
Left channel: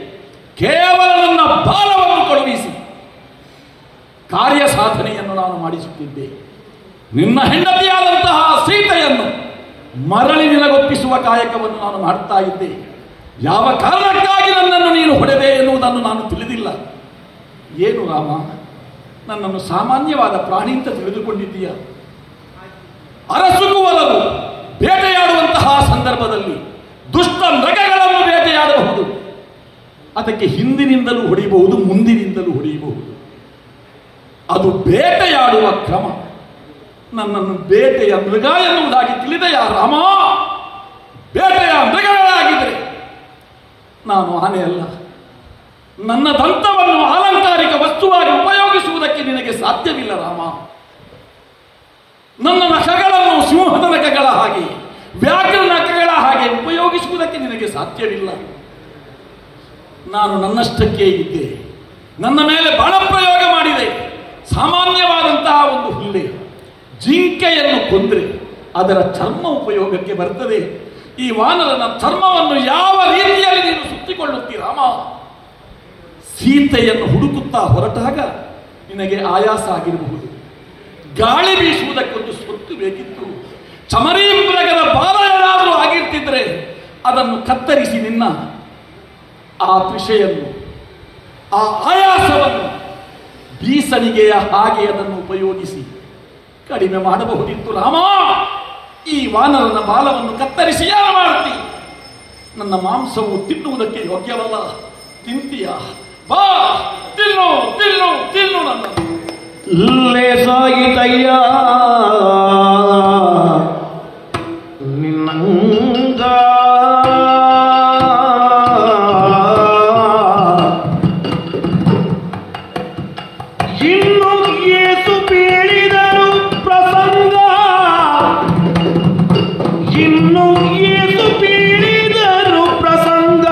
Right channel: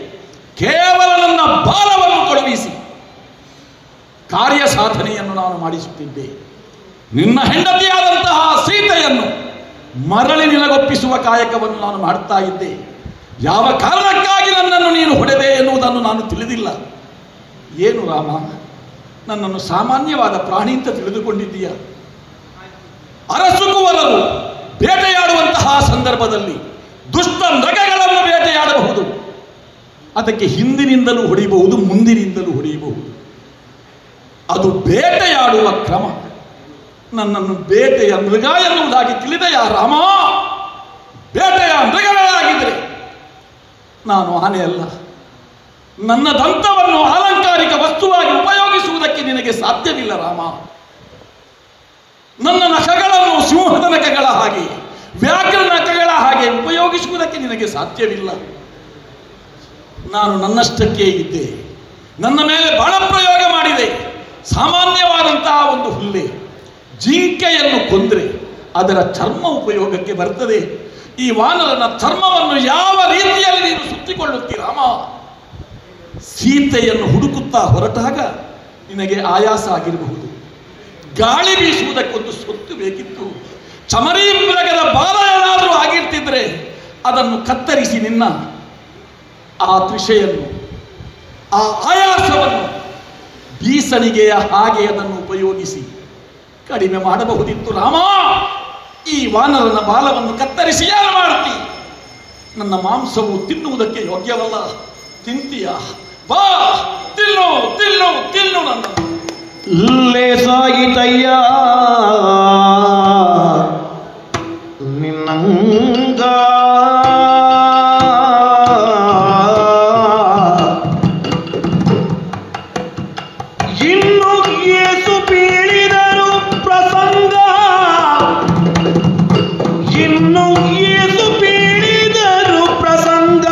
ಕೇವಲ ನನ್ನ ಬಾಲವನ್ನು ಕಳುಹಿಸಿ ಕಾರ್ಯ ಸಾಧನೆಯನ್ನು ನಾನು ಮಾಡಿಸುತ್ತಿದ್ದೆ. ನಿನ್ನ ಹೆಂಡತಿಯಾದಂತಹ ಸೀತೆಯನ್ನು ಮರಳಿ ನಿಲಗೊಪ್ಪಿಸುವ ಕಾಯಕವನ್ನು ನಾನು ಮಾಡ್ತಾ ಇದ್ದೆ. ಯಾವ ಕಾರಣಕ್ಕಾಗಿ ನನ್ನನ್ನು ನೀನು ಹೊಡೆದೆ ಎನ್ನುವುದನ್ನು ನಾನು ತಿಳಿದಿಲ್ಲ. ಏನು ರಾಮ, ನನ್ನನ್ನು ಸಾಮಾನ್ಯವಾದ ಪ್ರಾಣಿ ಅಂತ ತಿಳಿದುಕೊಂಡಿದ್ದೀಯ? ಅರಸುಗುವವರು ಬೇಟೆಯಾಡುವಂತಹ ಸಂದರ್ಭದಲ್ಲಿ ದುಷ್ಟ ಮೃಗಗಳನ್ನು ಬೇಟೆಯಾಡಬಹುದು. ಅದಕ್ಕೆ ಹಿಂದಿನಿಂದಲೂ ಹೊಡೆಯಬಹುದು, ಮುಂದಿನಿಂದಲೂ ಹೊಡೆಯಬಹುದು. ಅದು ಬೇಟೆಯಾಡುವ ಕ್ರಮ. ನನ್ನನ್ನು ಬೇಟೆಯ ಮೃಗ ಎನ್ನುವುದಾಗಿ ತಿಳಿದೆಯ ರಾಮ? ಬೇಟೆಯ ಮೃಗಗಳಾಗಿದ್ದರೆ ನಾನು ಆನೆ ಅಲ್ಲ. ನನ್ನ ದಂತವನ್ನು ಅಲಂಕಾರಿಕ ವಸ್ತುವಾಗಿ ಉಪಯೋಗಿಸುವುದಕ್ಕೆ ನಿನಗೆ ಸಾಧ್ಯವಿಲ್ಲ ರಾಮ. ನನ್ನ ನಖಗಳನ್ನು ಸಿಂಹದ ನಖಗಳ ಹಾಗೆ, ವ್ಯಾಘ್ರ ನಖಗಳ ಹಾಗೆ ಉಪಯೋಗಿಸುವುದಕ್ಕೆ ನಿನಗೆ ಸಾಧ್ಯವಿಲ್ಲ. ನಾನು ನನ್ನಷ್ಟಕ್ಕೆ ಇದ್ದೆ. ನನ್ನ ಮೇಲೆ ಬಾಣಪ್ರಯೋಗ ಮಾಡಿದೆ. ಸಾಮಾನ್ಯವಾದಂತಹ ಒಂದು ಹುಲ್ಲೆ, ಜಿಂಕೆಯನ್ನು ಕೊಂದರೆ ಅದರ ಚರ್ಮ ಉಪಯೋಗಕ್ಕೆ ಬರ್ತದೆ. ಈ ವಾನರನ ಚರ್ಮವನ್ನು ಯಾವ ರೀತಿಯಲ್ಲಿ ನೀನು ಸುತ್ತಿಕೊಳ್ಳುತ್ತೀರಾಮ? ಸೀತೆಯನ್ನು ಹುಡುಕುತ್ತಾ ಹೊರಟಾಗ ನಿನಗೆ ಆಯಾಸ ಆಗಿರಬಹುದು. ಗಾಳಿ ಬೀಸುವುದಕ್ಕೊಂದು ಸೊತ್ತು ಬೇಕಿತ್ತು. ಚಮರಿ ಮೃಗದ ಬಾಲ ಏನಾದರೂ ಆಗಿರ್ತಿದ್ರೆ ಅದನ್ನು ಕತ್ತರಿಸಿ ನಿನ್ನ ಆ ತ್ರಿಷೆಯನ್ನು, ಆ ಆಯಾಸವನ್ನು ಬೀಸಣಿಗೆಯ ಹಾಗೆ ಅದನ್ನು ಉಪಯೋಗಿಸಿ ಕಡಿಮೆ ಮಾಡಬಹುದಿತ್ತು ರಾಮ. ಈ ವಾನರನ ಬಾಲವನ್ನು ಕತ್ತರಿಸಿ ಯಾರು ಮಾಡ್ತಿ? ನನ್ನ ಮಾಂಸವು ತಿನ್ನುವುದಕ್ಕೆ ಯೋಗ್ಯವಲ್ಲ. ತಿಂತೀಯ? ಬಾ, ತಿನ್ನು ತಿನ್ನು ತಿನ್ನು. ನನ್ನ ಲೇಸಾಗಿತಯ್ಯ ನಿನ್ನಂಗ ಇನ್ನು ಏಸು ಬೀಳಿದರು ಪ್ರಸಂಗ, ಇನ್ನು ಏಸು ಬೀಳಿದರು ಪ್ರಸಂಗ,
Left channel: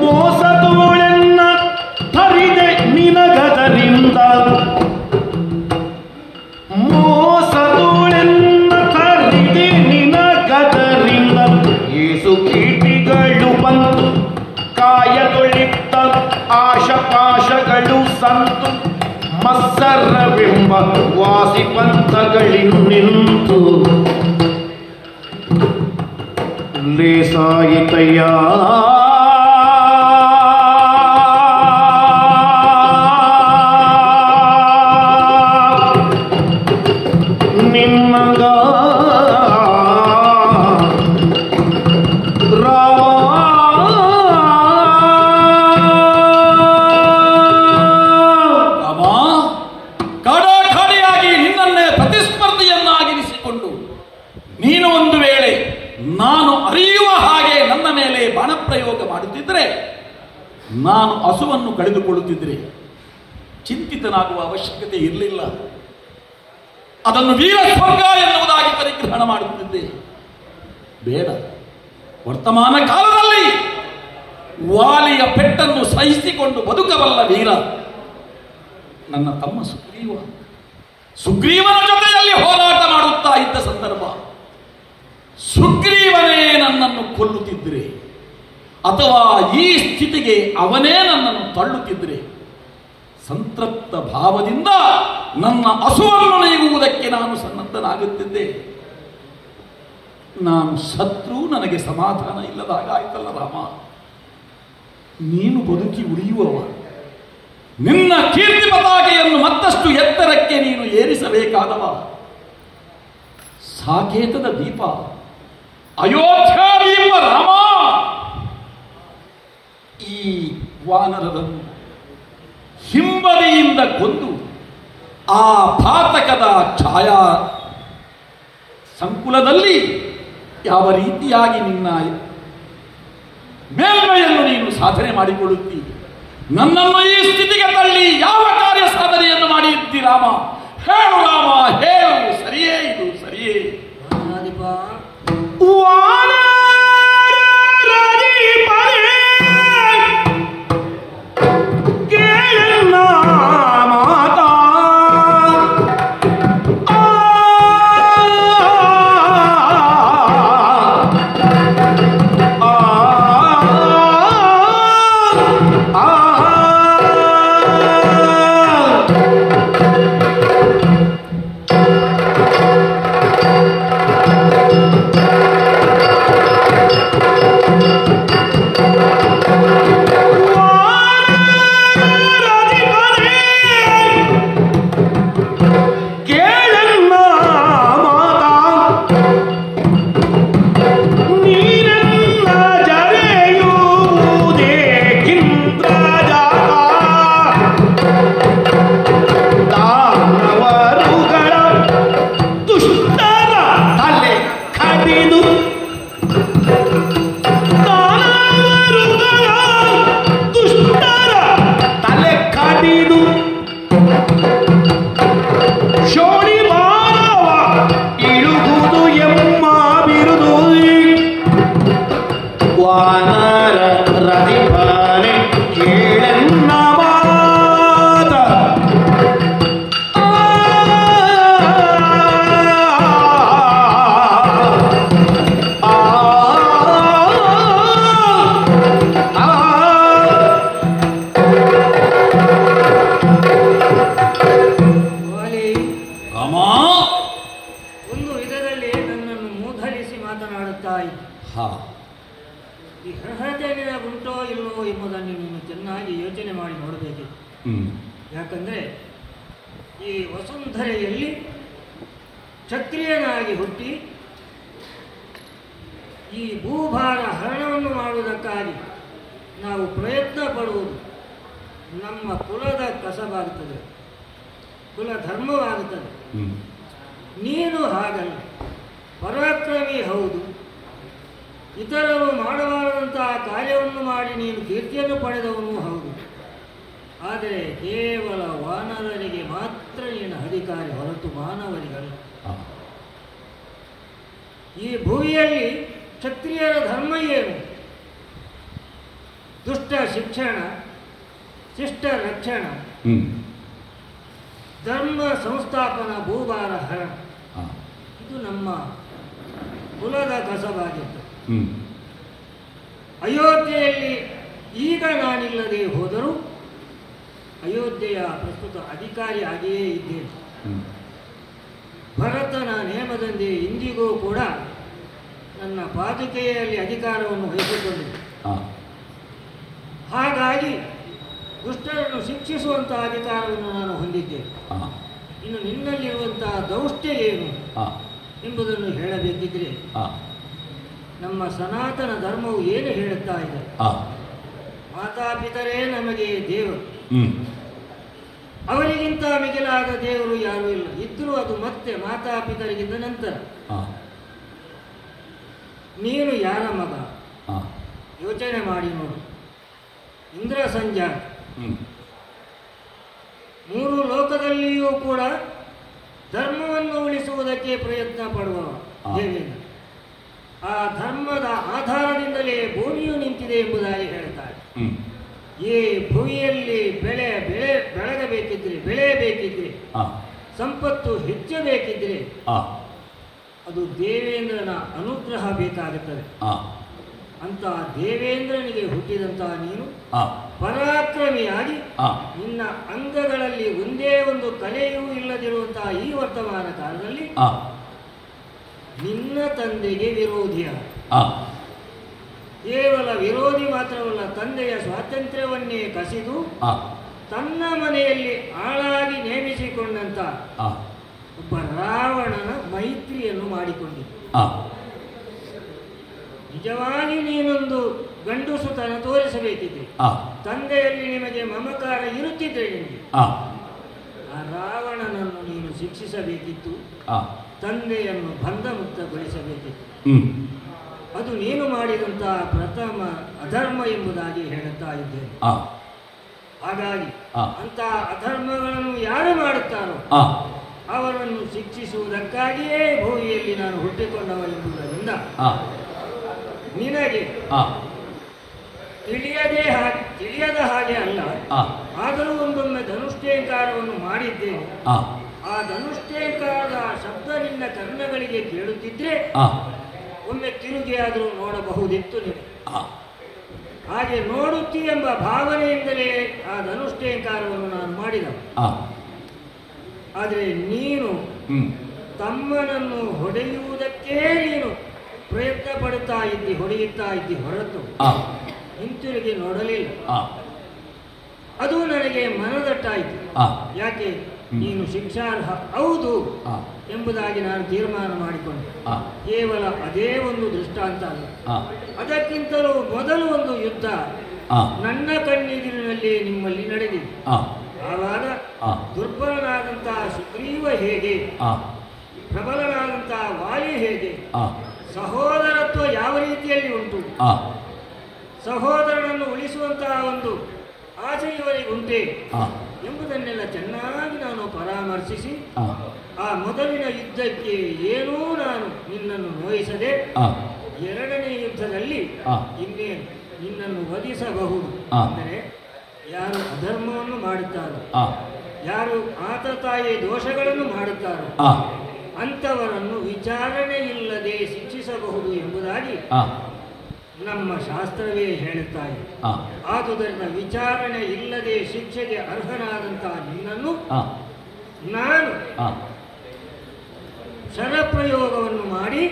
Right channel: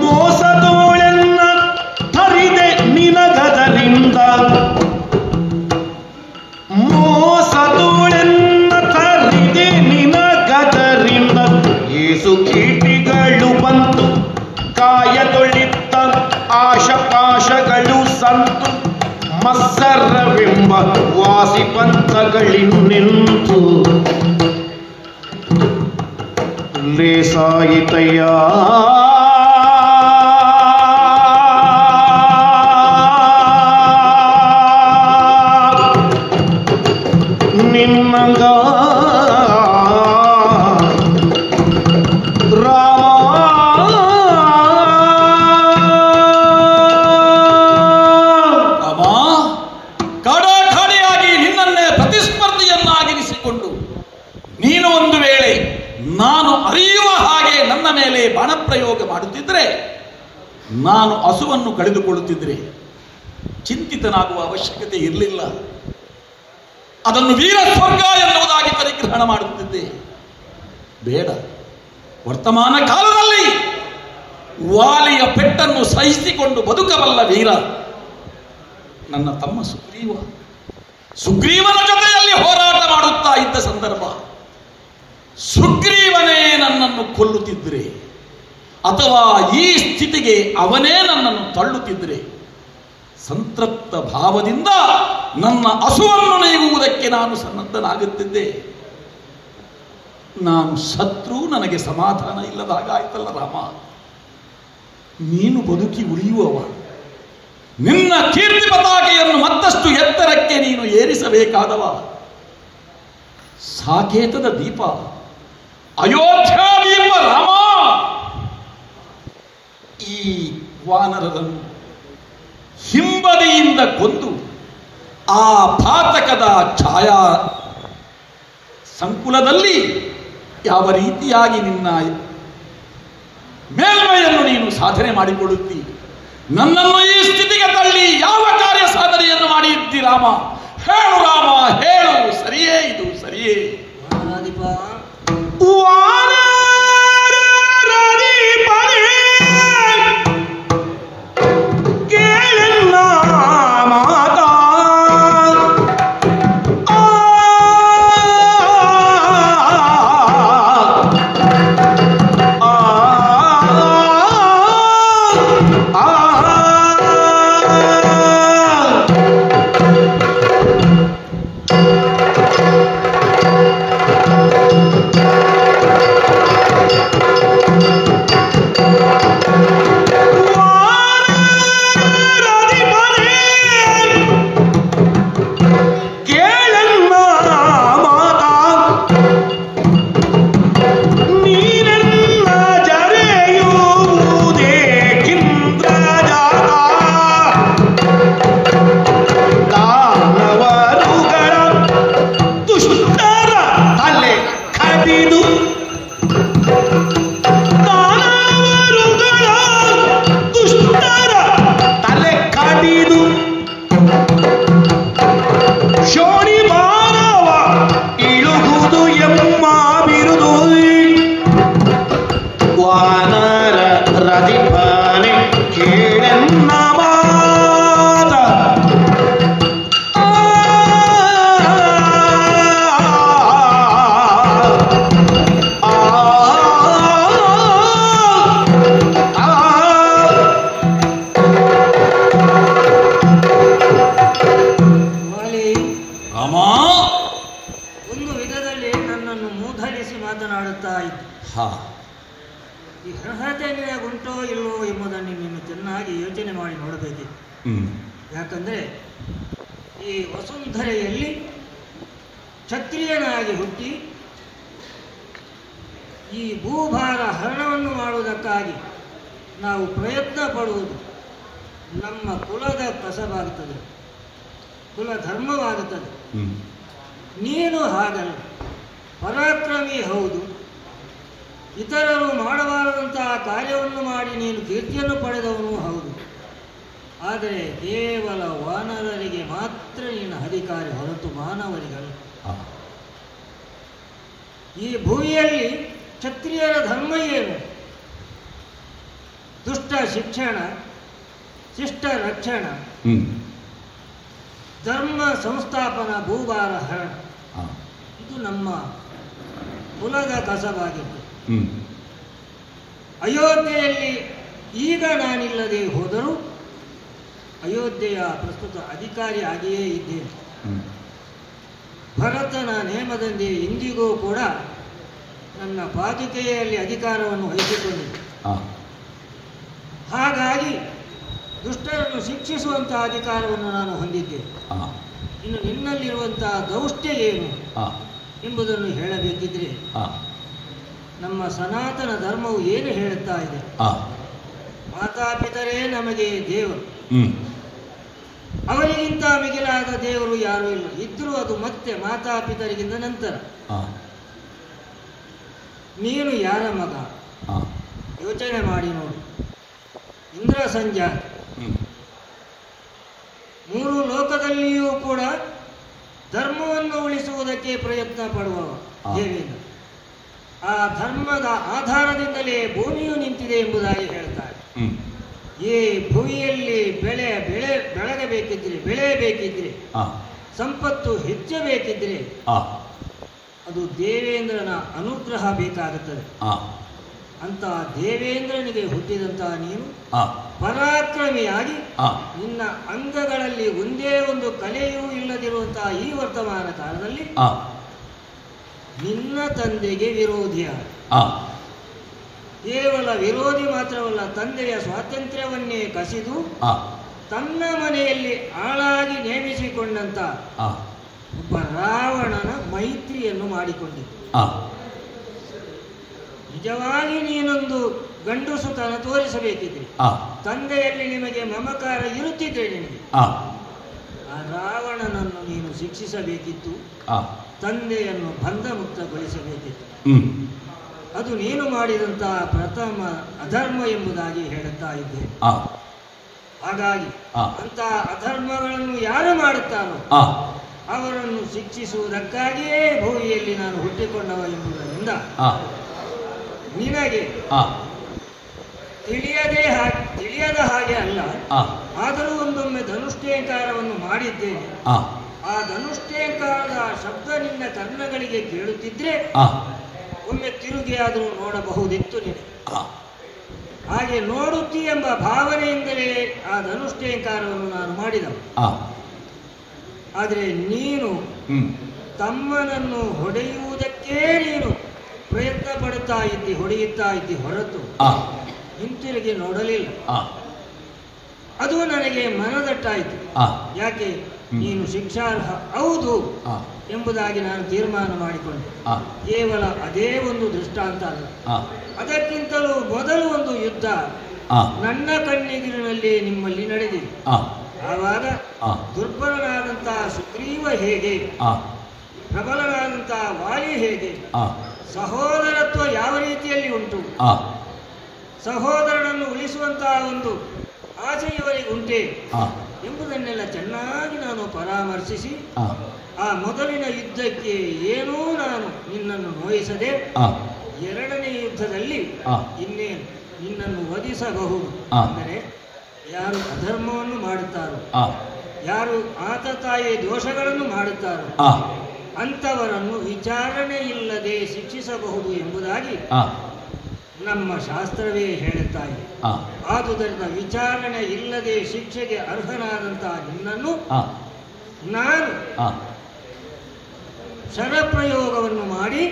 ಮೋಸದೋಳೆನ್ನ ತರಿದೆ ನಿನಗದರಿಂದ, ಮೋಸದೋಳೆನ್ನ ತರಿದೆ ನಿನಗದರಿಂದ, ಏಸು ಕೀಟಿಗಳು ಬಂತು ಕಾಯದೊಳಿತ್ತ ಆಶಪಾಶಗಳು ಸಂತು, ಮತ್ಸರವೆಂಬ ವಾಸಿ ಪಂಥಗಳಿನ್ನಿಂತು ಲೇಸಾಯಿತಯ್ಯ ನಿನ್ನಂಗ ಕಡಾಖಾಡಿಯಾಗಿ ನಿನ್ನನ್ನೇ ಪ್ರತಿಸ್ಪರ್ಧಿಯನ್ನಾಗಿರಿಸಿಕೊಂಡು ನೀನು ಒಂದು ವೇಳೆ ನಾನು ಅರಿಯುವ ಹಾಗೆ ನನ್ನ ಮೇಲೆ ಬಾಣಪ್ರಯೋಗ ಮಾಡುತ್ತಿದ್ದರೆ ಹಸುವನ್ನು ಕಳೆದುಕೊಳ್ಳುತ್ತಿದ್ದರೆ ಚಿಂತಿತನಾಗುವ ಅವಶ್ಯಕತೆ ಇರಲಿಲ್ಲ. ಅದನ್ನು ವೀರ ಸ್ವರ್ಗ ಎನ್ನುವುದಾಗಿ ಪರಿಗ್ರಹಣ ಮಾಡುತ್ತಿದ್ದೆ. ಬೇಡ, ವರ್ತಮಾನ ಕಾಲದಲ್ಲಿ ವಾಲಿಯ ಪೆಟ್ಟನ್ನು ಸಹಿಸಿಕೊಂಡು ಬದುಕಬಲ್ಲ ವೀರ ನನ್ನ ತಮ್ಮ ಸುಗ್ರೀವನ ಜೊತೆಯಲ್ಲಿ ಹೋರಾಟ ಮಾಡುತ್ತಾ ಇದ್ದ ಸಂದರ್ಭ. ಸುಗ್ರೀವನೇ ನನ್ನನ್ನು ಕೊಲ್ಲುತ್ತಿದ್ದರೆ ಅಥವಾ ಈ ಸ್ಥಿತಿಗೆ ಅವನೇ ನನ್ನನ್ನು ತಳ್ಳುತ್ತಿದ್ದರೆ ಸಂತೃಪ್ತ ಭಾವದಿಂದ ನನ್ನ ಹಸುವನ್ನು ನೀಗುವುದಕ್ಕೆ ನಾನು ಸನ್ನದ್ಧನಾಗುತ್ತಿದ್ದೆ. ನಾನು ಶತ್ರು, ನನಗೆ ಸಮಾಧಾನ ಇಲ್ಲದ ಹಾಗಾಯ್ತಲ್ಲ ರಾಮ. ನೀನು ಬದುಕಿ ಉಳಿಯುವವ, ನಿನ್ನ ಕೀರ್ತಿ ಪತಾಕೆಯನ್ನು ಮತ್ತಷ್ಟು ಎತ್ತರಕ್ಕೆ ನೀನು ಏರಿಸಬೇಕಾದವ. ಸಾಕೇತದ ದೀಪ, ಅಯೋಧ್ಯ ದೀಪ ರಾಮ. ಈ ವಾನರರನ್ನು ಹಿಂಬದಿಯಿಂದ ಕೊಂದು ಆ ಪಾತಕದ ಛಾಯಾ ಸಂಕುಲದಲ್ಲಿ ಯಾವ ರೀತಿಯಾಗಿ ನಿನ್ನ ಮೇಲ್ಮೆಯನ್ನು ನೀನು ಸಾಧನೆ ಮಾಡಿಕೊಳ್ಳುತ್ತಿ, ನನ್ನನ್ನು ಈ ಸ್ಥಿತಿಗೆ ತಳ್ಳಿ ಯಾವ ಕಾರ್ಯ ಸಾಧನೆಯನ್ನು ಮಾಡಿದ್ದಿ ರಾಮ? ಹೇಳು ರಾಮ, ಹೇಳು. ಸರಿಯೇ, ಇದು ಸರಿಯೇ. ಯಾಕಂದರೆ ಈ ವಸುಂಧರೆಯಲ್ಲಿ ಕ್ಷತ್ರಿಯನಾಗಿ ಹುಟ್ಟಿ ಈ ಭೂಭಾರ ಹರಣವನ್ನು ಮಾಡುವುದಕ್ಕಾಗಿ ನಾವು ಪ್ರಯತ್ನ ಪಡುವುದು ನಮ್ಮ ಕುಲದ ಕಸವಾಗುತ್ತದೆ, ಕುಲ ಧರ್ಮವಾಗುತ್ತದೆ. ನೀನು ಹಾಗಲ್ಲ, ಪರಾಕ್ರಮಿ ಹೌದು, ಇತರರು ಮಾಡಬಾರದಂತಹ ಕಾರ್ಯವನ್ನು ಮಾಡಿ ನೀನು ಕೀರ್ತಿಯನ್ನು ಪಡೆದವನು ಹೌದು. ಆದರೆ ಕೇವಲ ವಾನರರಿಗೆ ಮಾತ್ರ ನೀನು ಅಧಿಕಾರಿ, ಹೊರತು ಮಾನವರಿಗಲ್ಲ. ಈ ಭೂಮಿಯಲ್ಲಿ ಕ್ಷತ್ರಿಯರ ಧರ್ಮ ಏನು? ದುಷ್ಟ ಶಿಕ್ಷಣ, ಶಿಷ್ಟ ರಕ್ಷಣ, ಧರ್ಮ ಸಂಸ್ಥಾಪನ, ಭೂಭಾರ ಹರಣ. ಇದು ನಮ್ಮ ಕುಲದ ಕಸವಾಗಿತ್ತು. ಅಯೋಧ್ಯೆಯಲ್ಲಿ ಈಗ ನಾನಿಲ್ಲದೆ ಹೋದರೂ ಅಯೋಧ್ಯೆಯ ಪ್ರಸ್ತುತ ಅಧಿಕಾರಿ ಆಗಿಯೇ ಇದ್ದೇನೆ. ಭರತನ ನೇಮದಂತೆ ಇಂದಿಗೂ ಕೂಡ ನನ್ನ ಪಾದುಕೆಯಲ್ಲಿ ಅಧಿಕಾರವನ್ನು ವಹಿಸಿಕೊಂಡಿದ್ದೆ. ಹಾಗಾಗಿ ದುಷ್ಟರನ್ನು ಶಿಕ್ಷಿಸುವಂಥ ಅಧಿಕಾರವನ್ನು ನಾನು ಹೊಂದಿದ್ದೆ. ಇನ್ನು ನಿನ್ನಲ್ಲಿರುವಂತಹ ದೌಷ್ಟ್ಯ ಏನು ಎಂಬುದನ್ನು ಹೇಳಬೇಕಿದ್ರೆ ನಮ್ಮ ಸನಾತನ ಧರ್ಮವು ಏನು ಹೇಳುತ್ತಾ ಇದೆ? ಮಾತಾಪಿತರೇ ನಮಗೆ ದೇವರು, ಅವರಿಗಿಂತ ಮಿಗಿಲಾದ ದೇವರು ಯಾರೂ ಇಲ್ಲ. ಇದ್ರೂ ಅದು ಮತ್ತೆ ಮಾತಾಪಿತರಿಗಿಂತ ನಂತರ. ನೀನು ಯಾರ ಮಗ? ಯೋಚನೆ ಮಾಡಿ ನೋಡು. ಇಂದ್ರ ಸಂಜಾತ. ಮೂರು ಲೋಕದಲ್ಲಿಯೂ ಕೂಡ ಧರ್ಮವನ್ನು ಉಳಿಸುವುದಕ್ಕೆ ಪ್ರಯತ್ನ ಪಡುವವ ದೇವೇಂದ್ರ. ಆ ಧರ್ಮದ ಆಧಾರದಿಂದಲೇ ಭೂಮಿಯು ನಿಂತಿದೆ ಎಂಬುದಾಗಿ ಹೇಳ್ತಾರೆ. ಈ ಭೂಮಿಯಲ್ಲಿ ಬೆಳಗಬೇಕಿದ್ರೆ, ಬೆಳೆಯಬೇಕಿದ್ರೆ, ಸಂಪತ್ತು ಹೆಚ್ಚಬೇಕಿದ್ರೆ ಅದು ದೇವೇಂದ್ರನ ಅನುಗ್ರಹ ಬೇಕಾಗುತ್ತದೆ. ಅಂತ ದೇವೇಂದ್ರನಿಗೆ ಹುಟ್ಟಿದಂತಹ ನೀನು ಪರಾಕ್ರಮಿಯಾಗಿ ನಿನ್ನ ಅಂಗಗಳಲ್ಲಿ ಒಂದೇ ಒಂದು ಕಲೆಯೂ ಇಲ್ಲದಿರುವಂತಹ ಈ ವರ್ತಮಾನ ಕಾಲದಲ್ಲಿ ನಿನ್ನ ತಂದೆಗೆ ವಿರೋಧಿಯಾದ. ಕೇವಲ ವಿರೋಧಿ ಮಾತ್ರವಲ್ಲ, ತಂದೆಯ ಸ್ವಾತಂತ್ರ್ಯವನ್ನೇ ಕಸಿದು ತನ್ನ ಮನೆಯಲ್ಲಿ ಆಳಾಗಿ ನೇಮಿಸಿಕೊಂಡಂತ ಒಬ್ಬ ರಾವಣನ ಮೈತ್ರಿಯನ್ನು ಮಾಡಿಕೊಂಡಿದ್ದ. ನಿಜವಾಗಿ ನೀನೊಂದು ಗಂಡುಸುತನ ತೋರಿಸಬೇಕಿದ್ರೆ, ತಂದೆಯಲ್ಲಿ ನಿಮಗೆ ಮಮಕಾರ ಇರುತ್ತಿದ್ರೆ ನಿನಗೆ ಆ ರಾವಣನನ್ನು ನೀನು ಶಿಕ್ಷಿಸಬೇಕಿತ್ತು, ತಂದೆಯನ್ನು ಬಂಧಮುಕ್ತಗೊಳಿಸಬೇಕಿತ್ತು. ಅದು ನೀನು ಮಾಡಿದಂತಹ ಪ್ರಥಮ ಅಧರ್ಮ ಎಂಬುದಾಗಿ ಹೇಳುತ್ತಾ ಇದ್ದೇನೆ. ಹಾಗಾಗಿ ಅಂತಹ ಅಧರ್ಮಗಳನ್ನು ಯಾರು ಮಾಡುತ್ತಾರೋ ಅವರನ್ನು ಶಿಕ್ಷಿಸುವುದಕ್ಕಾಗಿಯೇ ಭೂಮಿಯಲ್ಲಿ ನಾನು ಹುಟ್ಟಿಕೊಂಡವ ಎಂಬುದರಿಂದ ನಿನಗೆ ತಿಳಿಯದ ಹಾಗೆ ಅಲ್ಲ, ಆದರೂ ಒಂದೊಮ್ಮೆ ಧನುಷ್ಟೇಂಕಾರವನ್ನು ಮಾಡಿದ್ದೇನೆ. ಆ ಧನುಷ್ಟೇಂಕಾರದ ಶಬ್ದ ನಿನ್ನ ಕರ್ಣಗಳಿಗೆ ಕೇಳುತ್ತಿದ್ರೆ ಒಮ್ಮೆ ತಿರುಗಿಯಾದರೂ ನೋಡಬಹುದಿತ್ತು ನಿನಗೆ. ಹಾಗೆ ನೋಡುತ್ತಿ ಎಂಬ ಭಾವನೆಯಿಂದಲೇ ಆ ಧನುಷ್ಟೇಂಕಾರವನ್ನು ನಾನು ಮಾಡಿದ. ಆದರೆ ನೀನು ತಮ್ಮನನ್ನು ಹೊಡೆಯುವುದಕ್ಕೇ ನೀನು ಪ್ರಯತ್ನ ಪಡುತ್ತಾ ಇದ್ದಿ, ಹೊಡೆಯುತ್ತಾ ಇದ್ದಿ ಹೊರತು ಹಿಂತಿರುಗಿ ನೋಡಲಿಲ್ಲ. ಅದು ನನಗೆ ಮನದಟ್ಟಾಯಿತು. ಯಾಕೆ ನೀನು ಶಿಕ್ಷಾರ್ಹ ಹೌದು ಎಂಬುದಾಗಿ ನಾನು ತೀರ್ಮಾನ ಮಾಡಿಕೊಂಡೆ. ಕೇವಲ ಅದೇ ಒಂದು ದೃಷ್ಟಾಂತ ಅಲ್ಲ, ಅದಕ್ಕಿಂತಲೂ ಮೊದಲು ಒಂದು ಯುದ್ಧ ನನ್ನ ಕಣ್ಣೆದುರಿನಲ್ಲಿ ನಿಮ್ಮಲ್ಲಿ ನಡೆದಿದೆ. ಆವಾಗ ದುರ್ಬಲನಾದಂತಹ ಸುಗ್ರೀವ ಹೇಗೆ, ಪ್ರಬಲನಾದಂತಹ ವಾಲಿ ಹೇಗೆ, ಸಹೋದರತ್ವ ಯಾವ ರೀತಿಯಲ್ಲಿ ಉಂಟು, ಸಹೋದರನನ್ನು ಉಳಿಸುವಂತಹ ಒಂದು ಆಸೆ ಇವರಿಗೆ ಉಂಟೆ ಎಂಬುದನ್ನೆಲ್ಲ ಚೆನ್ನಾಗಿ ನಾನು ಪರಾಮರ್ಶಿಸಿ ಆ ಮೊದಲಿನ ಯುದ್ಧಕ್ಕೆ ಏನೂ ನಾನು ನಿನ್ನನ್ನು ನೋಯಿಸದೆ ಎರಡನೇ ಯುದ್ಧದಲ್ಲಿ ಇನ್ನೇನು ನಿನ್ನನ್ನು ವಧಿಸಬಹುದು. ಅಂದರೆ ಯಾರು ಅಧರ್ಮವನ್ನು ಮಾಡುತ್ತಾರೋ, ಯಾರು ಆತತಾಯಿ ದೋಷಗಳನ್ನು ಮಾಡುತ್ತಾರೋ ಅಂಥವರನ್ನು ವಿಚಾರಣೆ ಇಲ್ಲದೆ ಶಿಕ್ಷಿಸಬಹುದು ಎಂಬುದಾಗಿ ನಮ್ಮ ಶಾಸ್ತ್ರವೇ ಹೇಳುತ್ತಾರೆ. ಆದುದರಿಂದ ವಿಚಾರಣೆ ಇಲ್ಲದೆ ಶಿಕ್ಷೆಗೆ ಅರ್ಹನಾದಂತಹ ನಿನ್ನನ್ನು ನಾನು ಶರಪ್ರಯೋಗವನ್ನು ಮಾಡಿ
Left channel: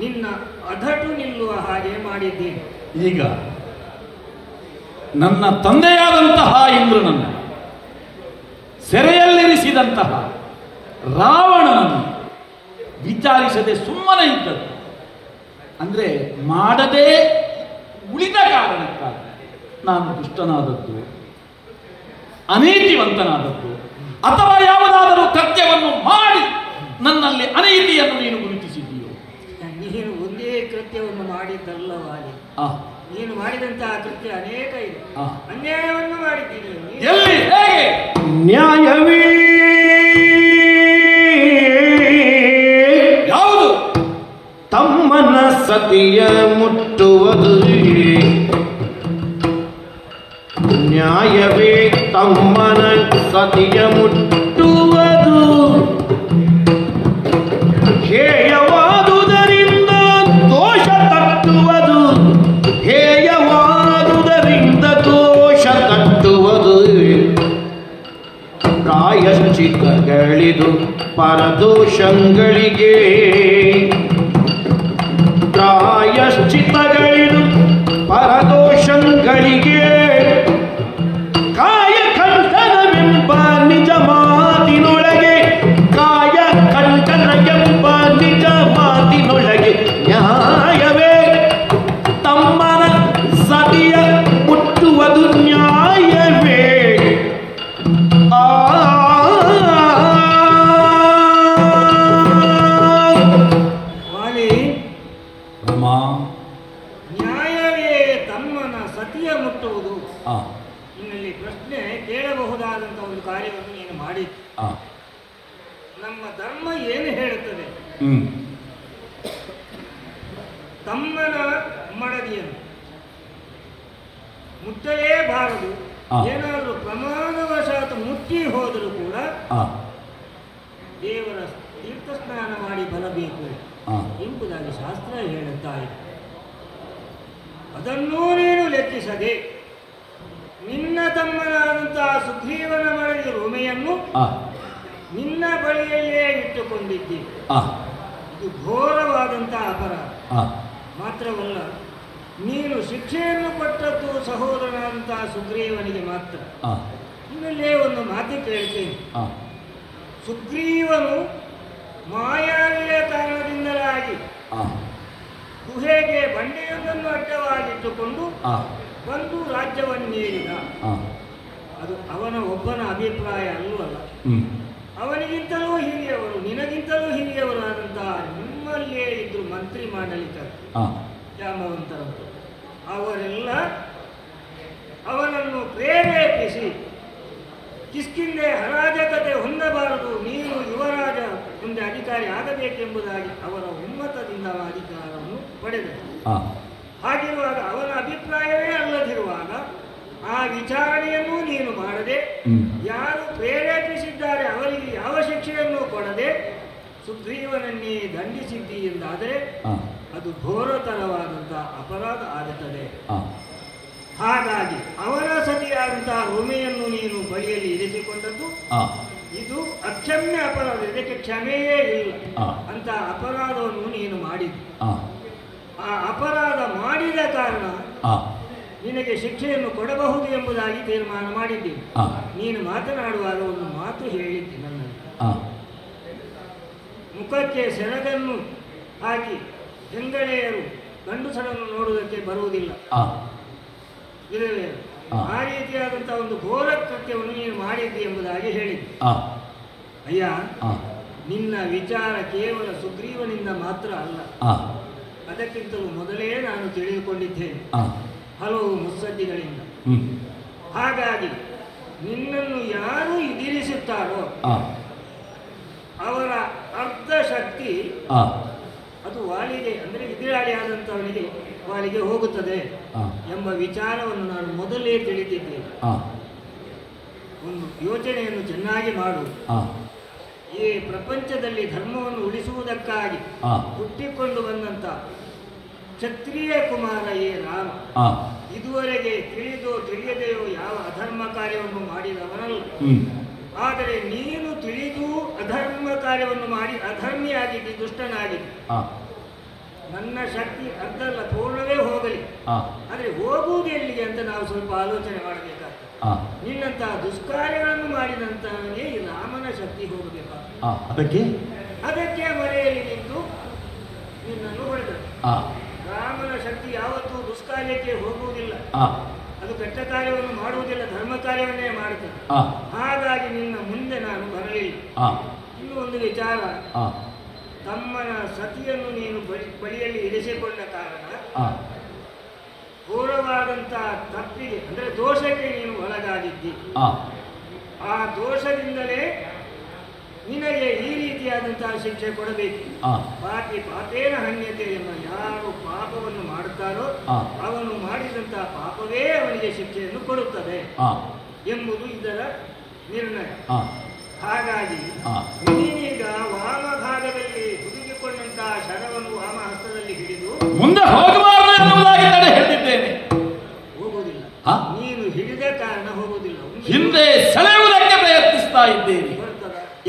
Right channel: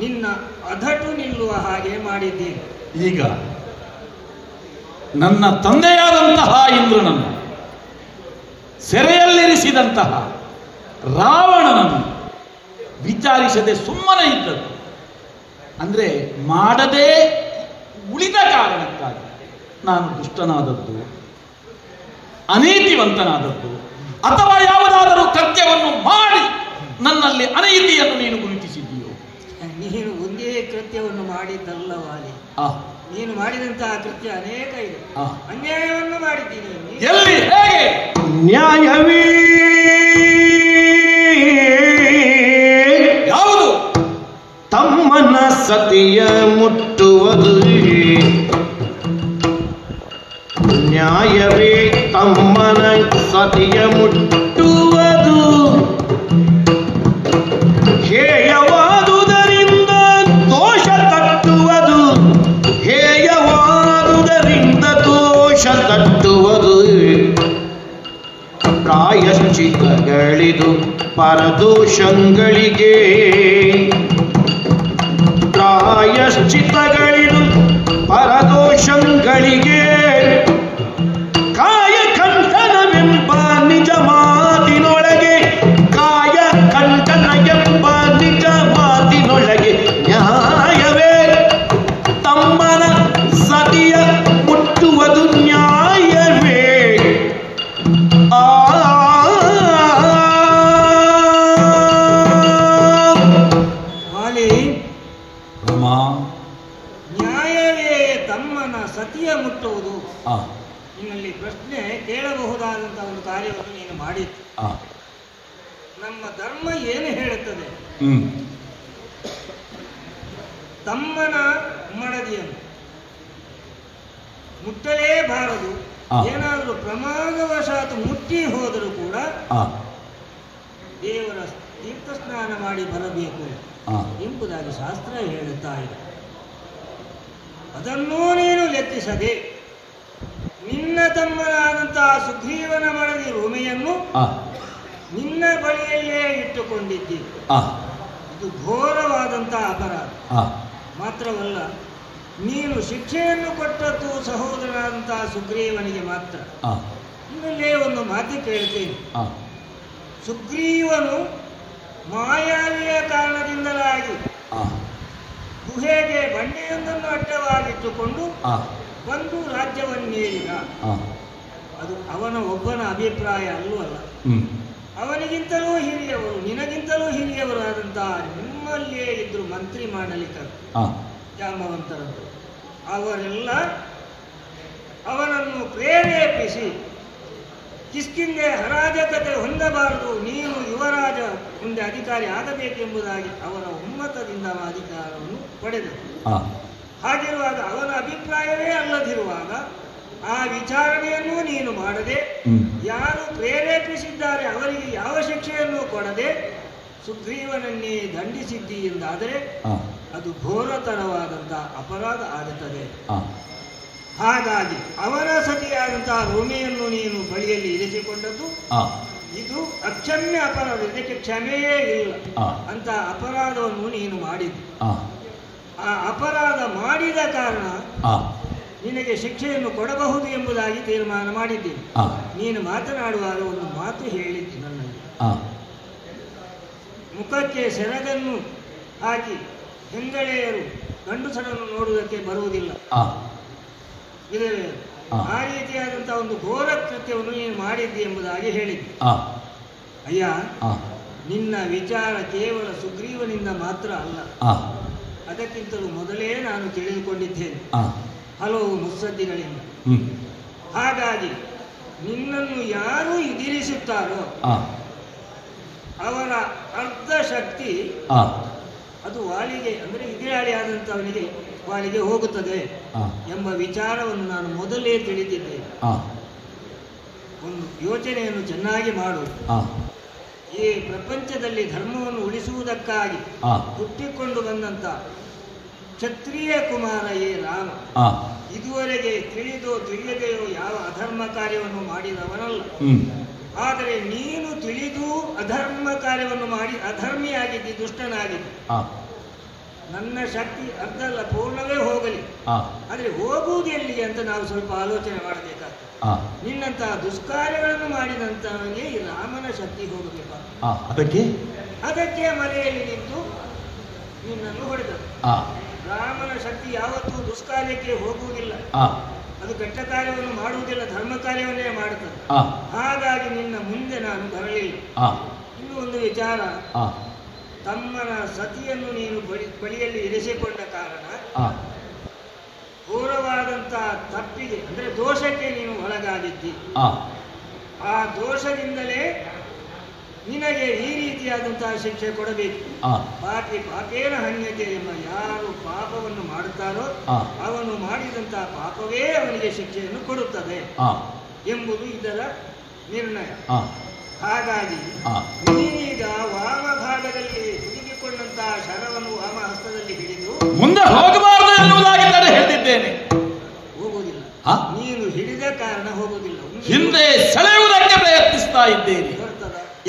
ನಿನ್ನ ಅಧಟು ನಿಲ್ಲುವ ಹಾಗೆ ಮಾಡಿದ್ದೇನೆ. ಈಗ ನನ್ನ ತಂದೆಯಾದಂತಹ ಇಂದ್ರನನ್ನು ಸೆರೆಯಲ್ಲಿರಿಸಿದಂತಹ ರಾವಣನನ್ನು ವಿಚಾರಿಸದೆ ಸುಮ್ಮನೆ ಇದ್ದದ್ದು ಅಂದ್ರೆ ಮಾಡದೇ ಉಳಿದ ಕಾರಣಕ್ಕಾಗಿ ನಾನು ದುಷ್ಟನಾದದ್ದು, ಅನೀತಿವಂತನಾದದ್ದು, ಅಥವಾ ಯಾವುದಾದರೂ ಕೃತ್ಯವನ್ನು ಮಾಡಿ ನನ್ನಲ್ಲಿ ಅನೀತಿಯನ್ನು ನೀನು ಗುರುತಿಸಿದ್ದೀಯೋ? ನೀನು ಒಂದೇ ಕೃತ್ಯವನ್ನು ಮಾಡಿದ್ದಲ್ಲವಾಗೆ ನೀನು ಮಾಡಿದಂತಹ ಕೃತ್ಯ ಅನೇಕ ಇದೆ. ಅನ್ಯಾಯವನ್ನು ಮಾಡಿದ್ದೀನಿ. ಎಲ್ಲಿ ಹೇಗೆ? ನ್ಯಾಯವೇ ಯಾವುದು? ತಮ್ಮನ ಸತಿಯ ಮುಟ್ಟುವುದು. ನ್ಯಾಯವೇ ತಮ್ಮನ ಸತಿಯ ಮುಟ್ಟುವುದು. ಹೇಯವಾದುದರಿಂದ ದೋಷ ತಟ್ಟುವುದು. ಹೇಯವಾದುದರಿಂದ ದೋಷ ತಟ್ಟುವುದು. ಪ್ರಾಯಶ್ಚಿತ್ತಗಳಿದು ಪರದೋಷಗಳಿಗೆ. ಪ್ರಾಯಶ್ಚಿತ್ತಗಳಿದು ಪರದೋಷಗಳಿಗೆ. ಕಾಯ ಕಂಠನವೆಂಬ ನಿಜ ಮಾತಿನೊಳಗೆ. ಕಾಯ ಕಂಠನ ಎಂಬ ನಿಜ ಮಾತಿನೊಳಗೆ. ನ್ಯಾಯವೇ ತಮ್ಮನ ಸತಿಯ ಮುಟ್ಟುವುದು. ನ್ಯಾಯವೇ ಆ ಇಲ್ಲಿ ಪ್ರಶ್ನೆ ಕೇಳಬಹುದಾದಂಥ ಒಂದು ಕಾರ್ಯವನ್ನು ನೀನು ಮಾಡಿದ್ದು. ನಮ್ಮ ಧರ್ಮ ಏನು ಹೇಳುತ್ತದೆ? ತಮ್ಮನ ಮಡದಿಯನ್ನು ಮುಟ್ಟಲೇಬಾರದು. ಏನಾದರೂ ಪ್ರಮಾದವಶಾತ್ ಮುಟ್ಟಿ ಹೋದರೂ ಕೂಡ ದೇವರ ತೀರ್ಥ ಸ್ನಾನ ಮಾಡಿ ಬರಬೇಕು ಎಂಬುದಾಗಿ ಶಾಸ್ತ್ರ ಹೇಳುತ್ತಾ ಇದೆ. ಅದನ್ನೂ ನೀನು ಲೆಕ್ಕಿಸದೆ ನಿನ್ನ ತಮ್ಮನಾದಂತಹ ಸುಗ್ರೀವನ ಮಡದಿ ರುಮೆಯನ್ನು ನಿನ್ನ ಬಳಿಯಲ್ಲೇ ಇಟ್ಟುಕೊಂಡಿದ್ದಿ. ಇದು ಘೋರವಾದಂತಹ ಅಪರಾಧ. ಮಾತ್ರವಲ್ಲ, ನೀನು ಶಿಕ್ಷೆಯನ್ನು ಕೊಟ್ಟದ್ದು ಸಹೋದರನಾದಂತಹ ಸುಗ್ರೀವನಿಗೆ ಮಾತ್ರ. ಇನ್ನಲ್ಲೇ ಒಂದು ಮಾತು ಕೇಳ್ತೇನೆ. ಸುಗ್ರೀವನು ಮಾಯಾವಿಯ ಕಾರಣದಿಂದಲಾಗಿ ಗುಹೆಗೆ ಬಂಡೆಯೊಂದನ್ನು ಅಡ್ಡವಾಗಿಟ್ಟುಕೊಂಡು ಒಂದು ರಾಜ್ಯವನ್ನೇರಿದ. ಅದು ಅವನ ಒಬ್ಬನ ಅಭಿಪ್ರಾಯ ಅಲ್ಲವಲ್ಲ. ಅವನಿಗಿಂತಲೂ ಹಿರಿಯವರು, ನಿನಗಿಂತಲೂ ಹಿರಿಯವರಾದಂತಹ ನಿಮ್ಮಲ್ಲಿಯೇ ಇದ್ರು ಮಂತ್ರಿ ಮಾಡಲಿಕ್ಕೆ ಜಾಂಬವಂತರಂತೆ. ಅವರೆಲ್ಲ ಅವನನ್ನು ಪ್ರೇರೇಪಿಸಿ ಕಿಷ್ಕಿಂದೆ ಅರಾಜಕತೆ ಹೊಂದಬಾರದು, ನೀನು ಯುವರಾಜ ಮುಂದೆ ಅಧಿಕಾರಿ ಆಗಬೇಕೆಂಬುದಾಗಿ ಅವರ ಉನ್ನತದಿಂದ ಅಧಿಕಾರವನ್ನು ಪಡೆದರು. ಹಾಗಿರುವಾಗ ಅವನ ಅಭಿಪ್ರಾಯವೇ ಅಲ್ಲದಿರುವಾಗ ಆ ವಿಚಾರಣೆಯನ್ನು ನೀನು ಮಾಡದೆ, ಯಾರು ಪ್ರೇರೇಪಿಸಿದ್ದಾರೆ ಅವರಿಗೆ ಯಾವ ಶಿಕ್ಷೆಯನ್ನು ಕೊಡದೆ ಸುಗ್ರೀವನನ್ನೇ ದಂಡಿಸಿದ್ದಿ ಎಂದಾದರೆ ಅದು ಘೋರತರವಾದಂತಹ ಅಪರಾಧ ಆಗುತ್ತದೆ. ಹಾಗಾಗಿ ಅವನ ಸತಿಯಾದಂತಹ ರುಮೆಯನ್ನು ನೀನು ಬಳಿಯಲ್ಲಿ ಇರಿಸಿಕೊಂಡದ್ದು ಇದು ಅಕ್ಷಮ್ಯ ಅಪರಾಧ. ಇದಕ್ಕೆ ಕ್ಷಮೆಯೇ ಇಲ್ಲ ಅಂತ ಅಪರಾಧವನ್ನು ನೀನು ಮಾಡಿದ್ದು. ಆ ಅಪರಾಧ ಮಾಡಿದ ಕಾರಣ ನಿನಗೆ ಶಿಕ್ಷೆಯನ್ನು ಕೊಡಬಹುದು ಎಂಬುದಾಗಿ ತೀರ್ಮಾನ ಮಾಡಿದ್ದೀನಿ. ನೀನು ಮಾತನಾಡುವಾಗ ಒಂದು ಮಾತು ಹೇಳಿದ್ದಿ ನನ್ನಲ್ಲಿ. ಮುಖಕ್ಕೆ ಸೆರಗನ್ನು ಹಾಕಿ ಹೆಂಗಳೆಯರು ಗಂಡುಸರನ್ನು ನೋಡುವುದಕ್ಕೆ ಬರುವುದಿಲ್ಲ, ವಿಧವೆಯರು. ಆ ರೀತಿಯಾದಂತಹ ಒಂದು ಘೋರ ಕೃತ್ಯವನ್ನು ನೀನು ಮಾಡಿದ್ದಿ ಎಂಬುದಾಗಿ ಹೇಳಿದ್ದೆ. ಅಯ್ಯ, ನಿನ್ನ ವಿಚಾರ ಕೇವಲ ಸುಗ್ರೀವನಿಂದ ಮಾತ್ರ ಅಲ್ಲ, ಅದಕ್ಕಿಂತಲೂ ಮೊದಲೇ ನಾನು ತಿಳಿದುಕೊಂಡಿದ್ದೇನೆ ಹಲವು ಮುತ್ಸದ್ದಿಗಳಿಂದ. ಹಾಗಾಗಿ ನಿನ್ನನ್ನು ಯಾರು ಎದುರಿಸುತ್ತಾರೋ ಅವರ ಅರ್ಧ ಶಕ್ತಿ ಅದು ವಾಲಿಗೆ, ಅಂದರೆ ಎದುರಾಳಿ ಆದಂಥವನಿಗೆ ವಾಲಿಗೆ ಹೋಗುತ್ತದೆ ಎಂಬ ವಿಚಾರವನ್ನು ನಾನು ಮೊದಲೇ ತಿಳಿದಿದ್ದೇನೆ. ಒಂದು ಯೋಚನೆಯನ್ನು ಚೆನ್ನಾಗಿ ಮಾಡು. ಈ ಪ್ರಪಂಚದಲ್ಲಿ ಧರ್ಮವನ್ನು ಉಳಿಸುವುದಕ್ಕಾಗಿ ಹುಟ್ಟಿಕೊಂಡು ಬಂದಂತ ಕ್ಷತ್ರಿಯ ಕುಮಾರ ರಾಮ ಇದುವರೆಗೆ ತಿಳಿದೋ ತಿಳಿಯದೆಯೋ ಯಾವ ಅಧರ್ಮ ಕಾರ್ಯವನ್ನು ಮಾಡಿದವನಲ್ಲ. ಆದರೆ ನೀನು ತಿಳಿದು ಅಧರ್ಮ ಕಾರ್ಯವನ್ನು ಮಾಡಿ ಅಧರ್ಮಿಯಾಗಿದ್ದಿ, ದುಷ್ಟನಾಗಿದ್ದಿ. ನನ್ನ ಶಕ್ತಿ ಅರ್ಧಲ್ಲ, ಪೂರ್ಣವೇ ಹೋಗಲಿ. ಆದರೆ ಹೋಗುವುದು ಎಲ್ಲಿ ಅಂತ ನಾವು ಸ್ವಲ್ಪ ಆಲೋಚನೆ ಮಾಡಬೇಕಾಗ್ತದೆ. ನಿನ್ನಂತಹ ದುಷ್ಕಾರ್ಯಗಳನ್ನು ಮಾಡಿದಂತವನಿಗೆ ಈ ರಾಮನ ಶಕ್ತಿ ಹೋಗಬೇಕು. ಅದಕ್ಕೆ ಮರೆಯಲ್ಲಿ ನಿಂತು ನಿನ್ನನ್ನು ಹೊಡೆದರು. ರಾಮನ ಶಕ್ತಿ ಯಾವತ್ತೂ ದುಷ್ಕಾರ್ಯಕ್ಕೆ ಹೋಗುವುದಿಲ್ಲ, ಅದು ಕೆಟ್ಟ ಕಾರ್ಯವನ್ನು ಮಾಡುವುದಿಲ್ಲ, ಧರ್ಮ ಕಾರ್ಯವನ್ನೇ ಮಾಡುತ್ತದೆ. ಹಾಗಾಗಿ ನಿನ್ನ ಮುಂದೆ ನಾನು ಬರಲಿಲ್ಲ. ಇನ್ನೂ ಒಂದು ವಿಚಾರ, ತಮ್ಮನ ಸತಿಯನ್ನು ನೀನು ಬಳಿಯಲ್ಲಿ ಇರಿಸಿಕೊಂಡ ಕಾರಣ ಘೋರವಾದಂತಹ ತಪ್ಪಿಗೆ, ಅಂದರೆ ದೋಷಕ್ಕೆ ನೀನು ಒಳಗಾಗಿದ್ದಿ. ಆ ದೋಷದಿಂದಲೇ ನಿನಗೆ ಈ ರೀತಿಯಾದಂತಹ ಶಿಕ್ಷೆ ಕೊಡಬೇಕು. ಪಾಪಿ ಪಾಪೇನ ಹನ್ಯತೆ ಎಂಬ ಯಾರು ಪಾಪವನ್ನು ಮಾಡುತ್ತಾರೋ ಅವನು ಮಾಡಿದಂತಹ ಪಾಪವೇ ಅವನಿಗೆ ಶಿಕ್ಷೆಯನ್ನು ಕೊಡುತ್ತದೆ ಎಂಬುದು ಇದರ ನಿರ್ಣಯ. ಹಾಗಾಗಿ ನೀನೀಗ ವಾಮ ಭಾಗದಲ್ಲಿ ಹುಡುಕಿಕೊಂಡಂತಹ ಶರವನ್ನು ವಾಮ ಹಸ್ತದಲ್ಲಿ ಹಿಡಿದು ಮುಂದೆ ಹೋಗಬಾರದು ಎನ್ನುವುದಾಗಿ ನಾನು ಹೇಳಿದ್ದೇನೆ. ಹೋಗುವುದಿಲ್ಲ, ನೀನು ಹಿಡಿದ ಕಾರಣ ಹೋಗುವುದಿಲ್ಲ. ಹಿಂದೆ ಸೆಳೆಯುವುದಕ್ಕೆ ಪ್ರಯತ್ನಿಸ್ತಾ ಇದ್ದೇನೆ,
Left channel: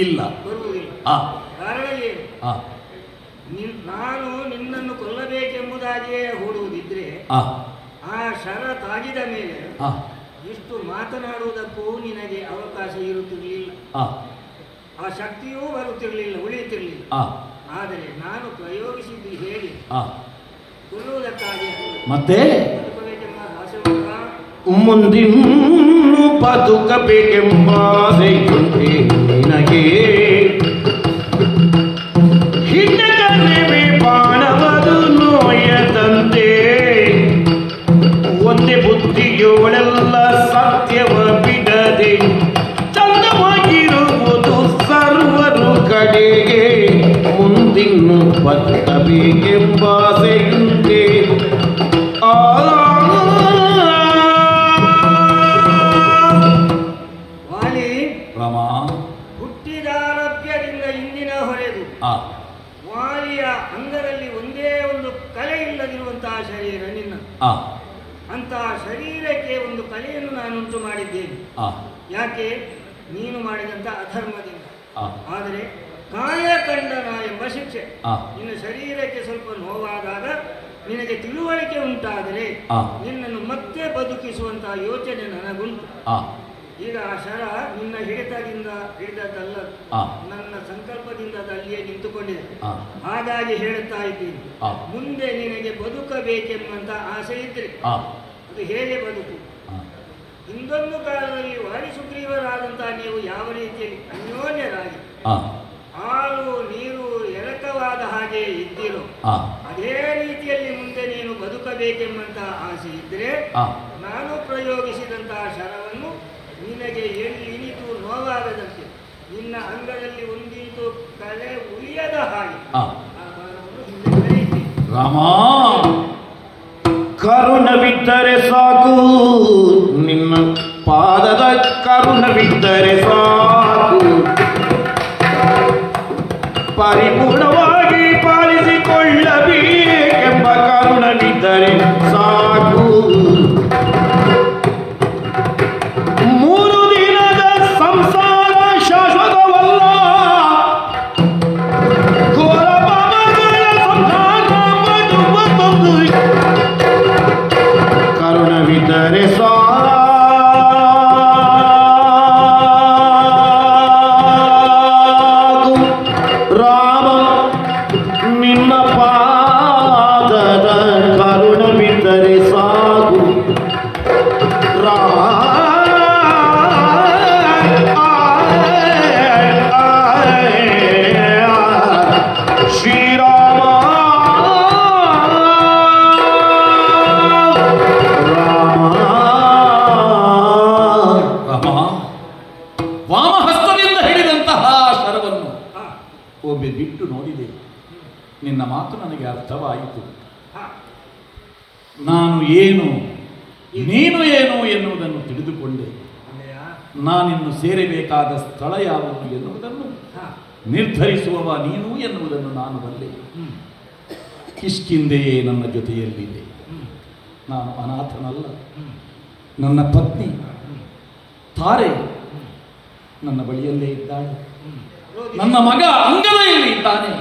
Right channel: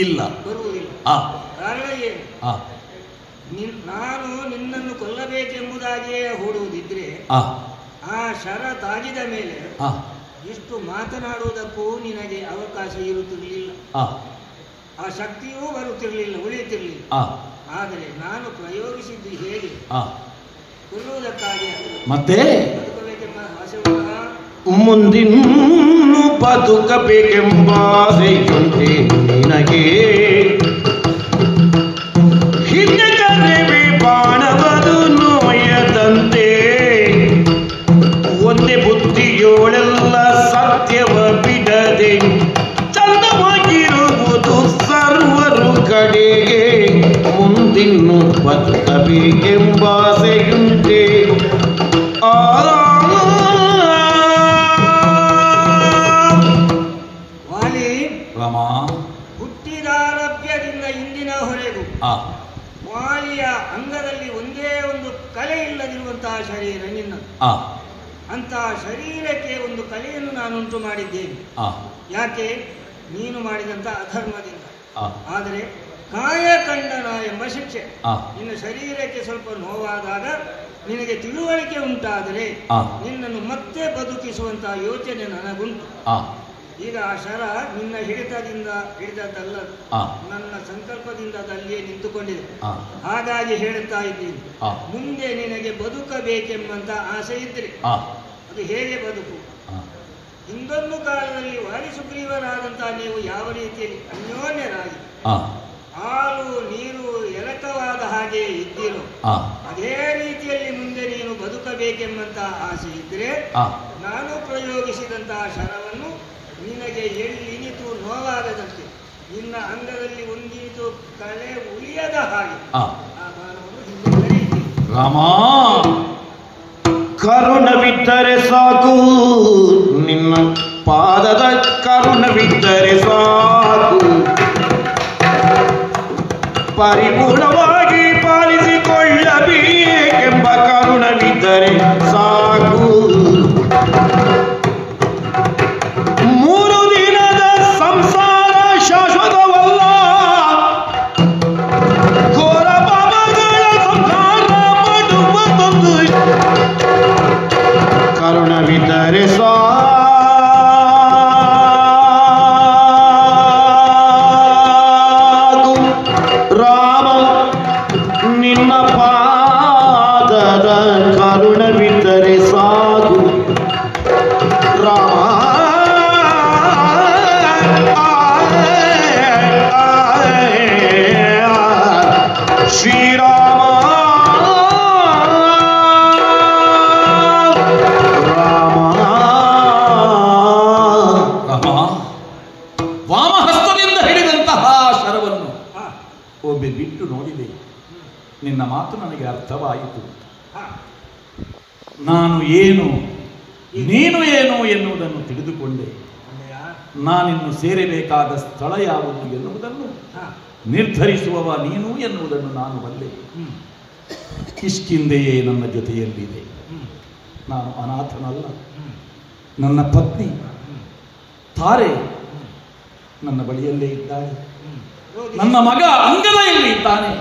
ಇಲ್ಲ ಬರುವುದಿಲ್ಲ. ಕಾರಣ ಏನು? ನಾನು ನಿನ್ನನ್ನು ಕೊಲ್ಲಬೇಕೆಂಬುದಾಗಿಯೇ ಹೂಡುವುದಿದ್ರೆ ಆ ಶರ ತಾಗಿದ ಮೇಲೆ ಇಷ್ಟು ಮಾತನಾಡುವುದಕ್ಕೂ ನಿನಗೆ ಅವಕಾಶ ಇರುತ್ತಿರಲಿಲ್ಲ, ಆ ಶಕ್ತಿಯೂ ಬರುತ್ತಿರಲಿಲ್ಲ, ಉಳಿಯುತ್ತಿರಲಿಲ್ಲ. ಆದರೆ ನಾನು ಪ್ರಯೋಗಿಸಿದ್ದು ಹೇಳಿ ಕೊಲ್ಲುವುದಕ್ಕಾಗಿ ಮತ್ತೆ ಬದುಕಬೇಕೆಂಬ ಆಸೆ ಉಂಟಾ? ಮುಂದಿನ್ನು ಬದುಕಬೇಕೆಂಬ ಆಸೆಯುಂಟೆ ನಿನಗೆ, ಹಿಂದೆ ಬಾಣದು ನೋಯದಂತೆ ಒಂದೇ ಬುದ್ಧಿಯೋಳೆಲ್ಲ ಸತ್ಯವ ರಾಮ, ಹುಟ್ಟಿದಾರಭ್ಯದಿಂದ ಇಂದಿನವರೆಗೂ ವಾಲಿಯ ಅಂಗದಲ್ಲಿ ಒಂದೇ ಒಂದು ಕಲೆ ಇಲ್ಲದಿರುವಂತಹ ಶರೀರ ನಿನ್ನ. ಅಂತಹ ಶರೀರಕ್ಕೆ ಒಂದು ಕಲೆಯನ್ನು ನಾನುಂಟು ಮಾಡಿದ್ದೇನೆ. ಯಾಕೆ? ನೀನು ಮಾಡಿದಂತ ಅಧರ್ಮದಿಂದ. ಆದರೆ ಕಾಯಕಂಡನ ಎಂಬ ಶಿಕ್ಷೆ. ನಿನ್ನ ಶರೀರಕ್ಕೆ ಸ್ವಲ್ಪ ನೋವಾದಾಗ ನಿನಗೆ ತಿಳುವಳಿಕೆ ಉಂಟಾದರೆ ನಿನ್ನನ್ನು ಮತ್ತೆ ಬದುಕಿಸುವಂತಹ ಯೋಚನೆ ನನಗುಂಟು. ಈಗ ಆ ಶರ ನಿನ್ನ ಹಿಡಿತದಿಂದ ಹಿಡಿದದ್ದಲ್ಲ, ನನ್ನ ಸಂಕಲ್ಪದಿಂದ ಅಲ್ಲಿಯೇ ನಿಂತುಕೊಂಡಿದೆ. ಹಾಗಾಗಿ ಹೇಳುತ್ತಾ ಇದ್ದೀನಿ, ಮುಂದೆ ನಿನಗೆ ಬದುಕಬೇಕೆಂಬಂತ ಆಸೆ ಇದ್ರೆ ಅದು ಹೇಗೆ ಬದುಕು? ಹಿಂದೊಂದು ಕಾಲದಲ್ಲಿ ವಾಲಿ ಸುಗ್ರೀವರಾದಂತಹ ನೀವು ಯಾವ ರೀತಿಯಲ್ಲಿ ಅನ್ಯೋನ್ಯರಾಗಿ ಹಾಲು ನೀರು ಎರಕವಾದ ಹಾಗೆ ಇದ್ದೀರೋ ಅದೇ ರೀತಿಯಲ್ಲಿ ಮುಂದೆ ನೀನು ಬದುಕಬೇಕೆಂಬಂತ ಆಸೆ ಇದ್ರೆ ನಾನು ಪ್ರಯೋಗಿಸಿದಂತಹ ಶರವನ್ನು ನಿನಗೆ ಎಲ್ಲಿನಿತು ನೋವಾಗದಂತೆ, ನಿನ್ನ ಅಂಗದಲ್ಲಿ ಒಂದಿತು ಕಳೆ ಉಳಿಯದ ಹಾಗೆ ಆ ಬಾಣವನ್ನು ಹಿಂದೆ ಕರೆಯುತ್ತೀನಿ. ರಾಮ, ಕರುಣವಿದ್ದರೆ ಸಾಕು, ನಿನ್ನ ಪಾದದ ಕರುಣವಿದ್ದರೆ ಸಾಕು, ಪರಿಪೂರ್ಣವಾಗಿ ಪಾಲಿಸಿಕೊಳ್ಳಬೇಕೆಂಬ ಕರುಣವಿದ್ದರೆ ಸಾಕು. 3 ದಿನದ ಸಂಸಾರ ಶಾಶ್ವತವಲ್ಲ, ಘೋರ ಪಾಪಗಳ ಸಂಸಾರ ಮಾಡುವುದೊಂದು. ಕರುಣವಿದ್ದರೆ ಸಾಕು ರಾಮ, ನಿನ್ನ ಪಾದದ ಕರುಣವಿದ್ದರೆ ಸಾಕು ರಾಮ. ಶ್ರೀರಾಮ ವಾಮಹಸ್ತದಿಂದ ಹಿಡಿದಂತಹ ಶರವನ್ನು ಒಮ್ಮೆ ಬಿಟ್ಟು ನೋಡಿದೆ. ನಿನ್ನ ಮಾತು ನನಗೆ ಅರ್ಥವಾಯಿತು. ನಾನು ಏನು ನೀನು ಏನು ಎನ್ನುವುದನ್ನು ತಿಳಿದುಕೊಂಡೆ. ನಾನಿನ್ನು ಸೇರಬೇಕಾದ ಸ್ಥಳ ಯಾವುದು ಎನ್ನುವುದನ್ನು ನಿರ್ಧರಿಸುವವ ನೀನು ಎನ್ನುವುದನ್ನು ನಾನು ಬಲ್ಲೆ. ಕಿಷ್ಕಿಂದೆಯೇ ನನ್ನ ಜೊತೆಯಲ್ಲಿದೆ. ನಾನು ಅನಾಥನಲ್ಲ. ನನ್ನ ಪತ್ನಿ ತಾರೆ ನನ್ನ ಬಳಿಯಲ್ಲೇ ಇದ್ದಾಳೆ. ನನ್ನ ಮಗ ಅಂಗದಲ್ಲಿ ಇದ್ದಾನೆ.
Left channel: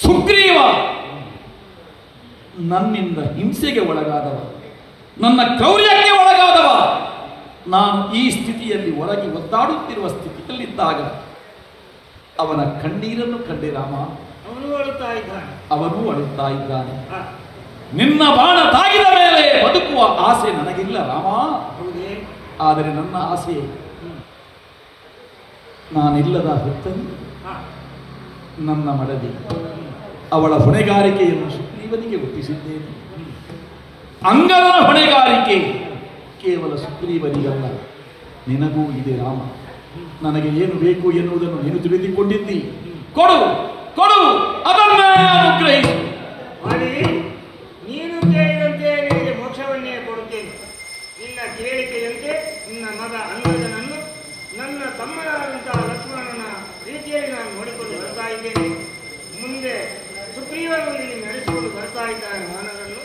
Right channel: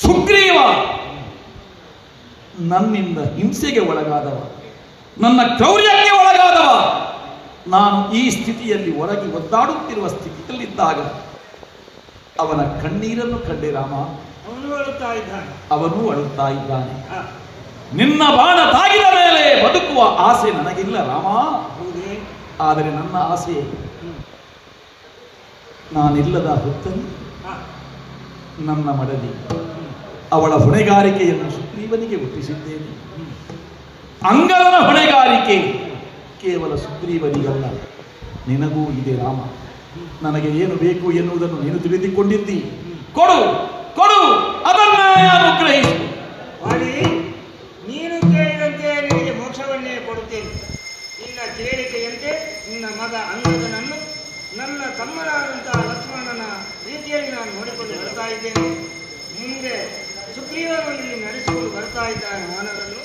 ಸುಗ್ರೀವ ನನ್ನಿಂದ ಹಿಂಸೆಗೆ ಒಳಗಾದವ, ನನ್ನ ಕ್ರೌರ್ಯಕ್ಕೆ ಒಳಗಾದವ. ನಾನು ಈ ಸ್ಥಿತಿಯಲ್ಲಿ ಒಳಗೆ ಒದ್ದಾಡುತ್ತಿರುವ ಸ್ಥಿತಿಯಲ್ಲಿದ್ದಾಗ ಅವನ ಕಣ್ಣೀರನ್ನು ಕಂಡೆ ರಾಮ. ಅವನು ಅಳುತ್ತಾ ಇದ್ದಾನೆ. ನಿನ್ನ ಬಾಣ ತಾಗಿದ ಮೇಲೆ ಬದುಕುವ ಆಸೆ ನನಗಿಲ್ಲ ರಾಮ. ಆದರೆ ನನ್ನ ಆಸೆ ನಾನಿಲ್ಲದ ಹೊತ್ತಲ್ಲಿ ನನ್ನ ಮಡದಿ ಅವಳ ಹೊಣೆಗಾರಿಕೆಯನ್ನು ಸುಗ್ರೀವನಿಗೆ ಒಪ್ಪಿಸಿದ್ದೇನೆ. ಅಂಗದ ಹೊಣೆಗಾರಿಕೆ ಕೇವಲ ಸುಗ್ರೀವನಿಗಲ್ಲ, ನಿನಗೂ ಇದೆ ರಾಮ. ನನಗೆ ಏನು ಬೇಕು ಎನ್ನುವುದನ್ನು ನೀನು ತಿಳಿದುಕೊಂಡಿದ್ದಿ. ಕೊಡು ಕೊಡು, ಅದನ್ನೇ ಅನುಗ್ರಹಿಸು. ನೀನು ಕೇಳಿದಂತೆ ನಿನಗೆ ಮೋಕ್ಷವನ್ನೇ ಕೊಡುತ್ತೇನೆ. ನಿನ್ನ ಕೇಳಿಕೆಯಂತೆ ನಿನ್ನ ಮಗ ಅಂಗದನನ್ನು ನನ್ನ ತಮ್ಮನಾದಂತಹ ಲಕ್ಷ್ಮಣನ ರೀತಿಯಲ್ಲಿ ನಾನು ನೋಡಿಕೊಂಡು ಬರ್ತಾ ಇದ್ದೇನೆ. ಮುಂದೆ ಸುಗ್ರೀವನು ಇಲ್ಲಿ ನಡೆಸಿಕೊಂಡು ಬರ್ತಾ ಇದ್ದಾನೆ. ವಾನರನ್ನು